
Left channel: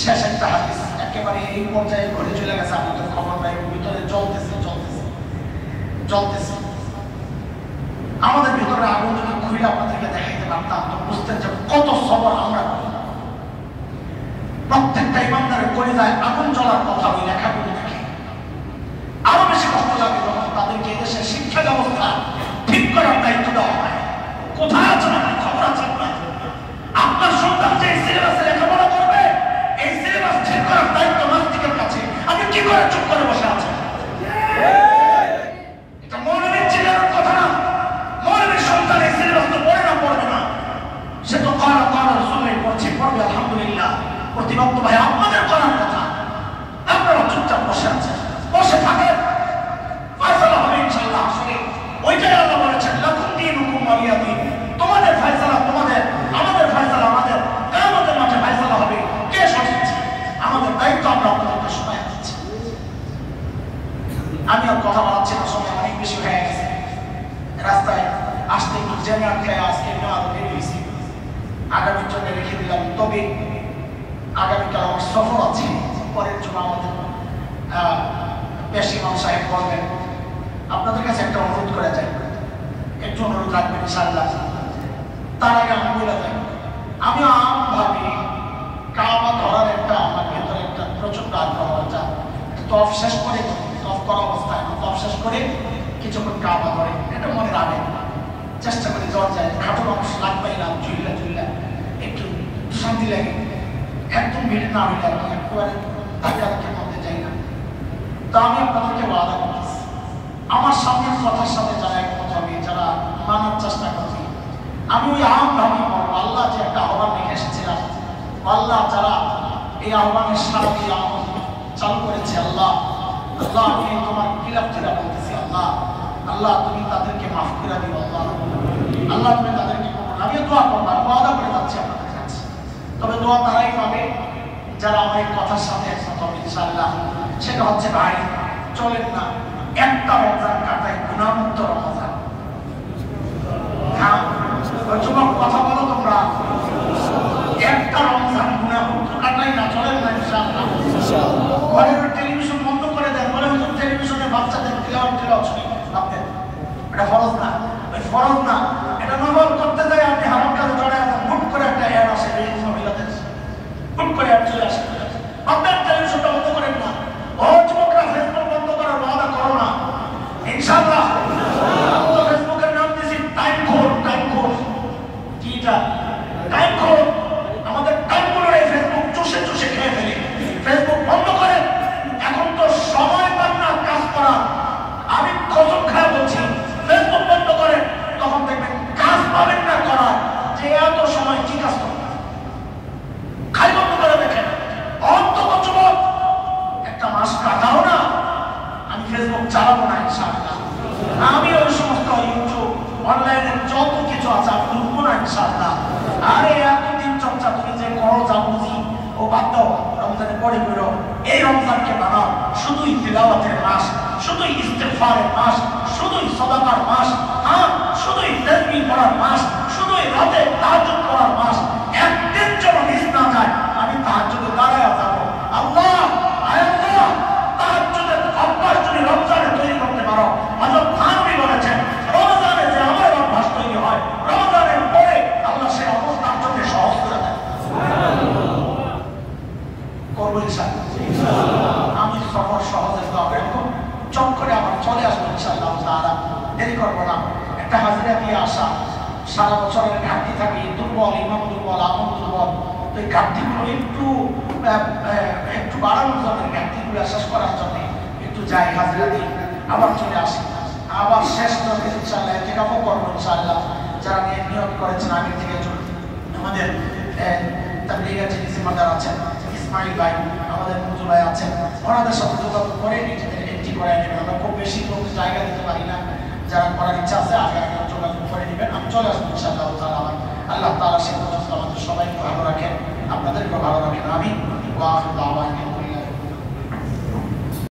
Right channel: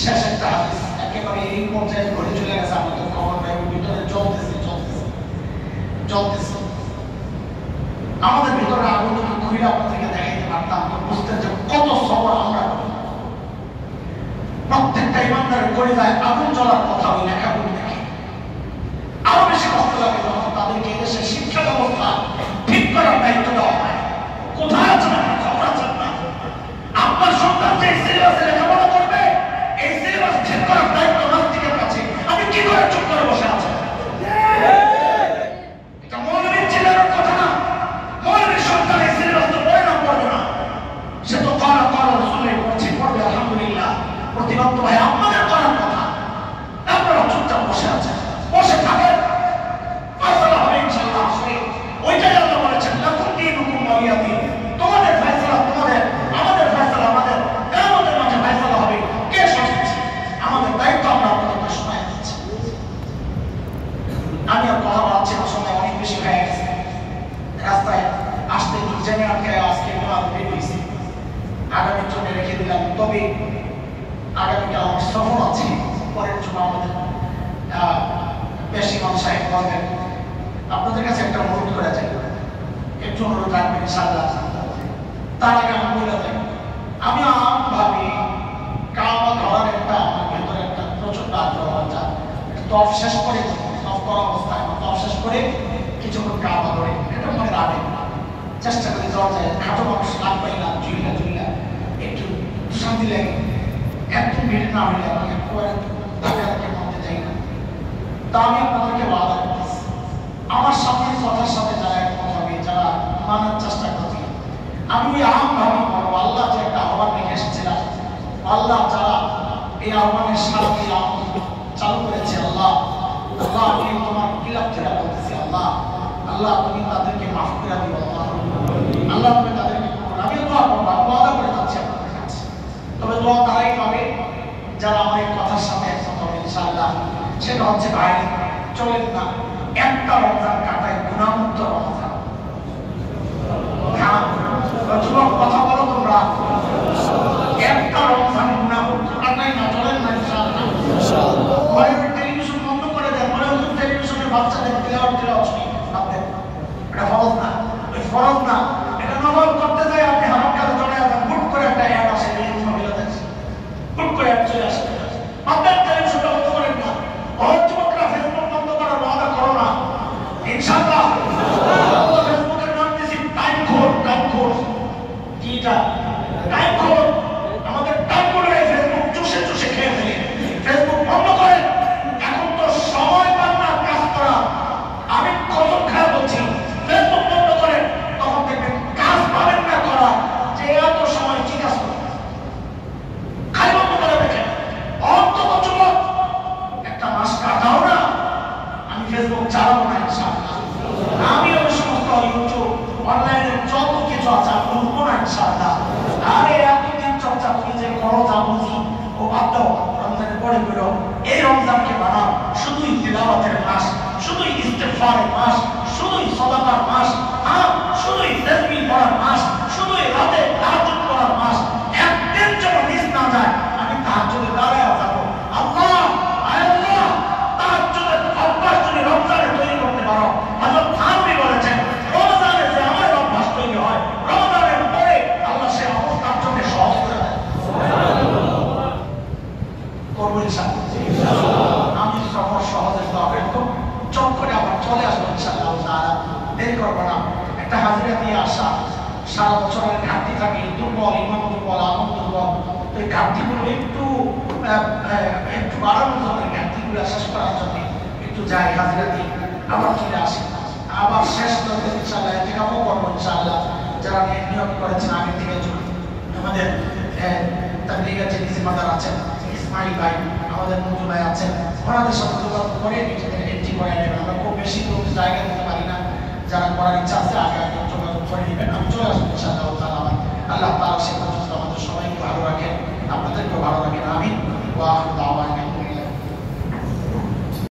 শেষ একটা হাদিস একেবারে এই পর্যায়ে ঘটে চলে গেছে, আমাদের খবর নাই, ভিতরে জ্বলতেছে। আমাদের ভিতরে আগুন যদি খুলে আপনাদেরকে দেখাইতে পারতাম তো বুঝতেন যে কত সবর আমরা করি। প্রত্যেকটা ইমানদারের কলিজায় আগুন জ্বলার কথা ওই লেখাগুলি দেখে আরো বেশি কষ্ট লাগে যখন তাদেরকে এদেশের শিক্ষা ব্যবস্থা ঠিক করার দায়িত্ব দেওয়া হয়। কোথায় আছেন আপনি? খবর আছেন না? আপনার সন্তান যে সিলেবাসে লেখাপড়া করবে, এই সিলেবাস ঠিক করার দায়িত্ব নাস্তিকের কাছে। আপনি কি করে চুপ করে বসে আছেন? এটা মৌলবীর চিল্লার কথা না। মৌলবীর সন্তান এই সিলেবাস তো পড়ে না, পড়বে না। সে তো কালা রসুলের পড়ছে, পড়বে আলহামদুলিল্লাহ। প্রতিবাদ তো ভাই আপনাদের করার কথা। আপনারা চুপচাপ বসে আছেন, বসে থাকেন, ফয়সালা হবে ইনশাআল্লাহ। আসলে ওইটাই আল্লাহ বলেছেন, লাকুম দীনুকুম ওয়ালিয়া দীন। তোমাদের ফয়সালা তোমাদের, আমাদের ফয়সালা আমাদের। কিয়ামতের মাঠে ফয়সালা হবে কে সঠিক। আমাদের দায়িত্ব আমরা আপনাদের শোনায় দিচ্ছি। আমি আর কথা বলাচ্ছি না, সময় অনেক বেশি হয়ে গেছে। রাস্তায় আসতে গিয়ে জেনে আটকায় আজকে নেওয়া বেরিয়েছি, আগামীর জন্য রেখে দিলাম। তবে আগামীকাল আমার সফর আছে, পরের জন্য আমাদের বেশ ইমাম সাহেব বলবেন। আপনাদের কাছে একটা অনুরোধ করা যায়, একটু অনুরোধ রাখবেন ইনশাআল্লাহ। তার আগে আমি বলে দেব, আমি আমভাবে কাবা ধরার একটা আমার ভেতরে একটা প্রচন্ড আগ্রহ আছে। তফ শেষ করে, তফ করা অবস্থায় তফ শেষ করে কিছুক্ষণ কাবা ধরে, এটা মনে রাখবেন। চেষ্টা করি যাওয়া যায়, খাটো মানুষ লাগবেই না, জুইলা একটু শান্তি লাগে। একদম ভিড় না হইলে আমি একবারে ধাক্কা মধ্যে যাই না। তা আমি আপনাদেরকে ওয়াদা করতেছি, আমার সামনের কথার সাথে যারা একমত হবে, যারা মানার চেষ্টা করবে, আমি ওই আমভাবে বলবো, আল্লাহ যে একটা আহ্বান রেখে এসেছিলাম, আল্লাহ যারা এই আহ্বানের সারা দিয়ে চালু করেছে, আল্লাহ আমি তোমার কিলাপ থেকে বলতেছি, আল্লাহ তুমি তাদেরকে মাফ করে দিও। আল্লাহ তুমি তাদেরকে, আমিও দোয়া করবো, ওয়াদা করে যাচ্ছি আপনাদের কাছে। তবে দোয়া তারাই পাবে যারা আমার এই কথার সাথে একমত হবে ইনশাআল্লাহ। সেটা হচ্ছে ভাই, চলেন না একটা রমজান কাটায় গুনাহমুক্ত রমজান। হ্যাঁ যুবক কথা বলো তোমরা, একটা রমজান গুনাহমুক্ত কাটাই না, চলেন না ইনশাআল্লাহ। টেলিভিশন বন্ধ করে দেন, মনে হচ্ছে টেলিভিশনে বাচ্চাদের তিলাওয়াত শুনি আপনাদের। এটা ফরজ না, ওই ফরজ না, এটা নফল করতে যাই আপনি আমার কাছে জড়ায় আছেন, হুট করে একটা অ্যাড আসে, মহিলাদের হুট করে অ্যাড চলে আসে। আপনার টেলিভিশনটা বন্ধ করেন না। ও যুবকরা ফেসবুক বন্ধ করার ওয়াদা করো না ইনশাআল্লাহ। আমরা ফেসবুকের নাম দিয়েছি টাইম খোর। কি এটা? টাইম খোর। আমাদের টাইমগুলো এই ফেসবুক চুষে খেয়ে ফেলে। ফেসবুক বন্ধ করেন, এখন তো সময় পান না কাজ করা। আমি কসম খারাপ বলছি, ফেসবুক বন্ধ করেন, তখন দেখবেন কাজ পাবেন না করা, যে এত সময় কি কাজ করবেন। খাই বন্ধ করে দেখেন, অন্তত যুবক একটা মাস কাটাও না, আমি ফেসবুক চালাবো না ইনশাআল্লাহ। আমি ওই সমস্ত ইউটিউব অনলাইনে যত কিছু আছে আমি ঢুকবো না ইনশাআল্লাহ। আরে এতদিন চর্চা তুমি যে করো যা বুঝি ও বাদ দাও, রমজানে পরে বেরো। এই রমজানকে বানাও শুধুই তিলাওয়াতের মাস, শুধুই ইস্তেগফারের মাস, শুধুই সাদাকার মাস, শুধুই তাসবিহ পড়ার মাস, শুধুই রাতে তাহাজ্জুদ পড়ার মাস। একদিন যেন মিস না যায়, আমি তাহাজ্জুদে দাঁড়ায় যাবো। আল্লাহ তাহাজ্জুদের অভ্যাস যদি রমজানে তৈরি করতে পারো, হযরত থানভী বলেছেন, রমজানে যে আমার অভ্যাস তৈরি হয়, রমজানের পরে আল্লাহ সে অবস্থার জন্য সহজ করে দেয়। করবো ইনশাআল্লাহ। আমি সফর সহজে যাবো, এরকম চট করে আবার চলে আসবো ইনশাআল্লাহ তাআলা। দেরি করবো না। একটা হাজিরা দিয়ে আসা, সারা বছরের ঘাটতি থাকে, দুর্বল, ইমাম দুর্বল, আমল দুর্বল। তো এই ঘাটতিগুলো একটু বাড়ানোর জন্য, ঘাটতিগুলো শেষ করার জন্য একটু যাই, হাজিরা দিই, আবার চলে আসি। আবার শেষ করতে ইনশাআল্লাহ এতেকাফও করবো ইনশাআল্লাহ। যারা নিয়োগ করেছেন আগে থেকে করে নেবেন। আমরা খুব বেশি লোক জায়গা দিতে পারি না, যারা করার ইচ্ছা আছে আগে আগে যোগাযোগ করে নেবেন, আমি চলে আসবো ইনশাআল্লাহ তাআলা। আল্লাহ তাআলা সে পর্যন্ত আমাদের সবাইকে ভালো রাখেন, আপনাদেরকেও ভালো রাখেন। আমিন। ওয়া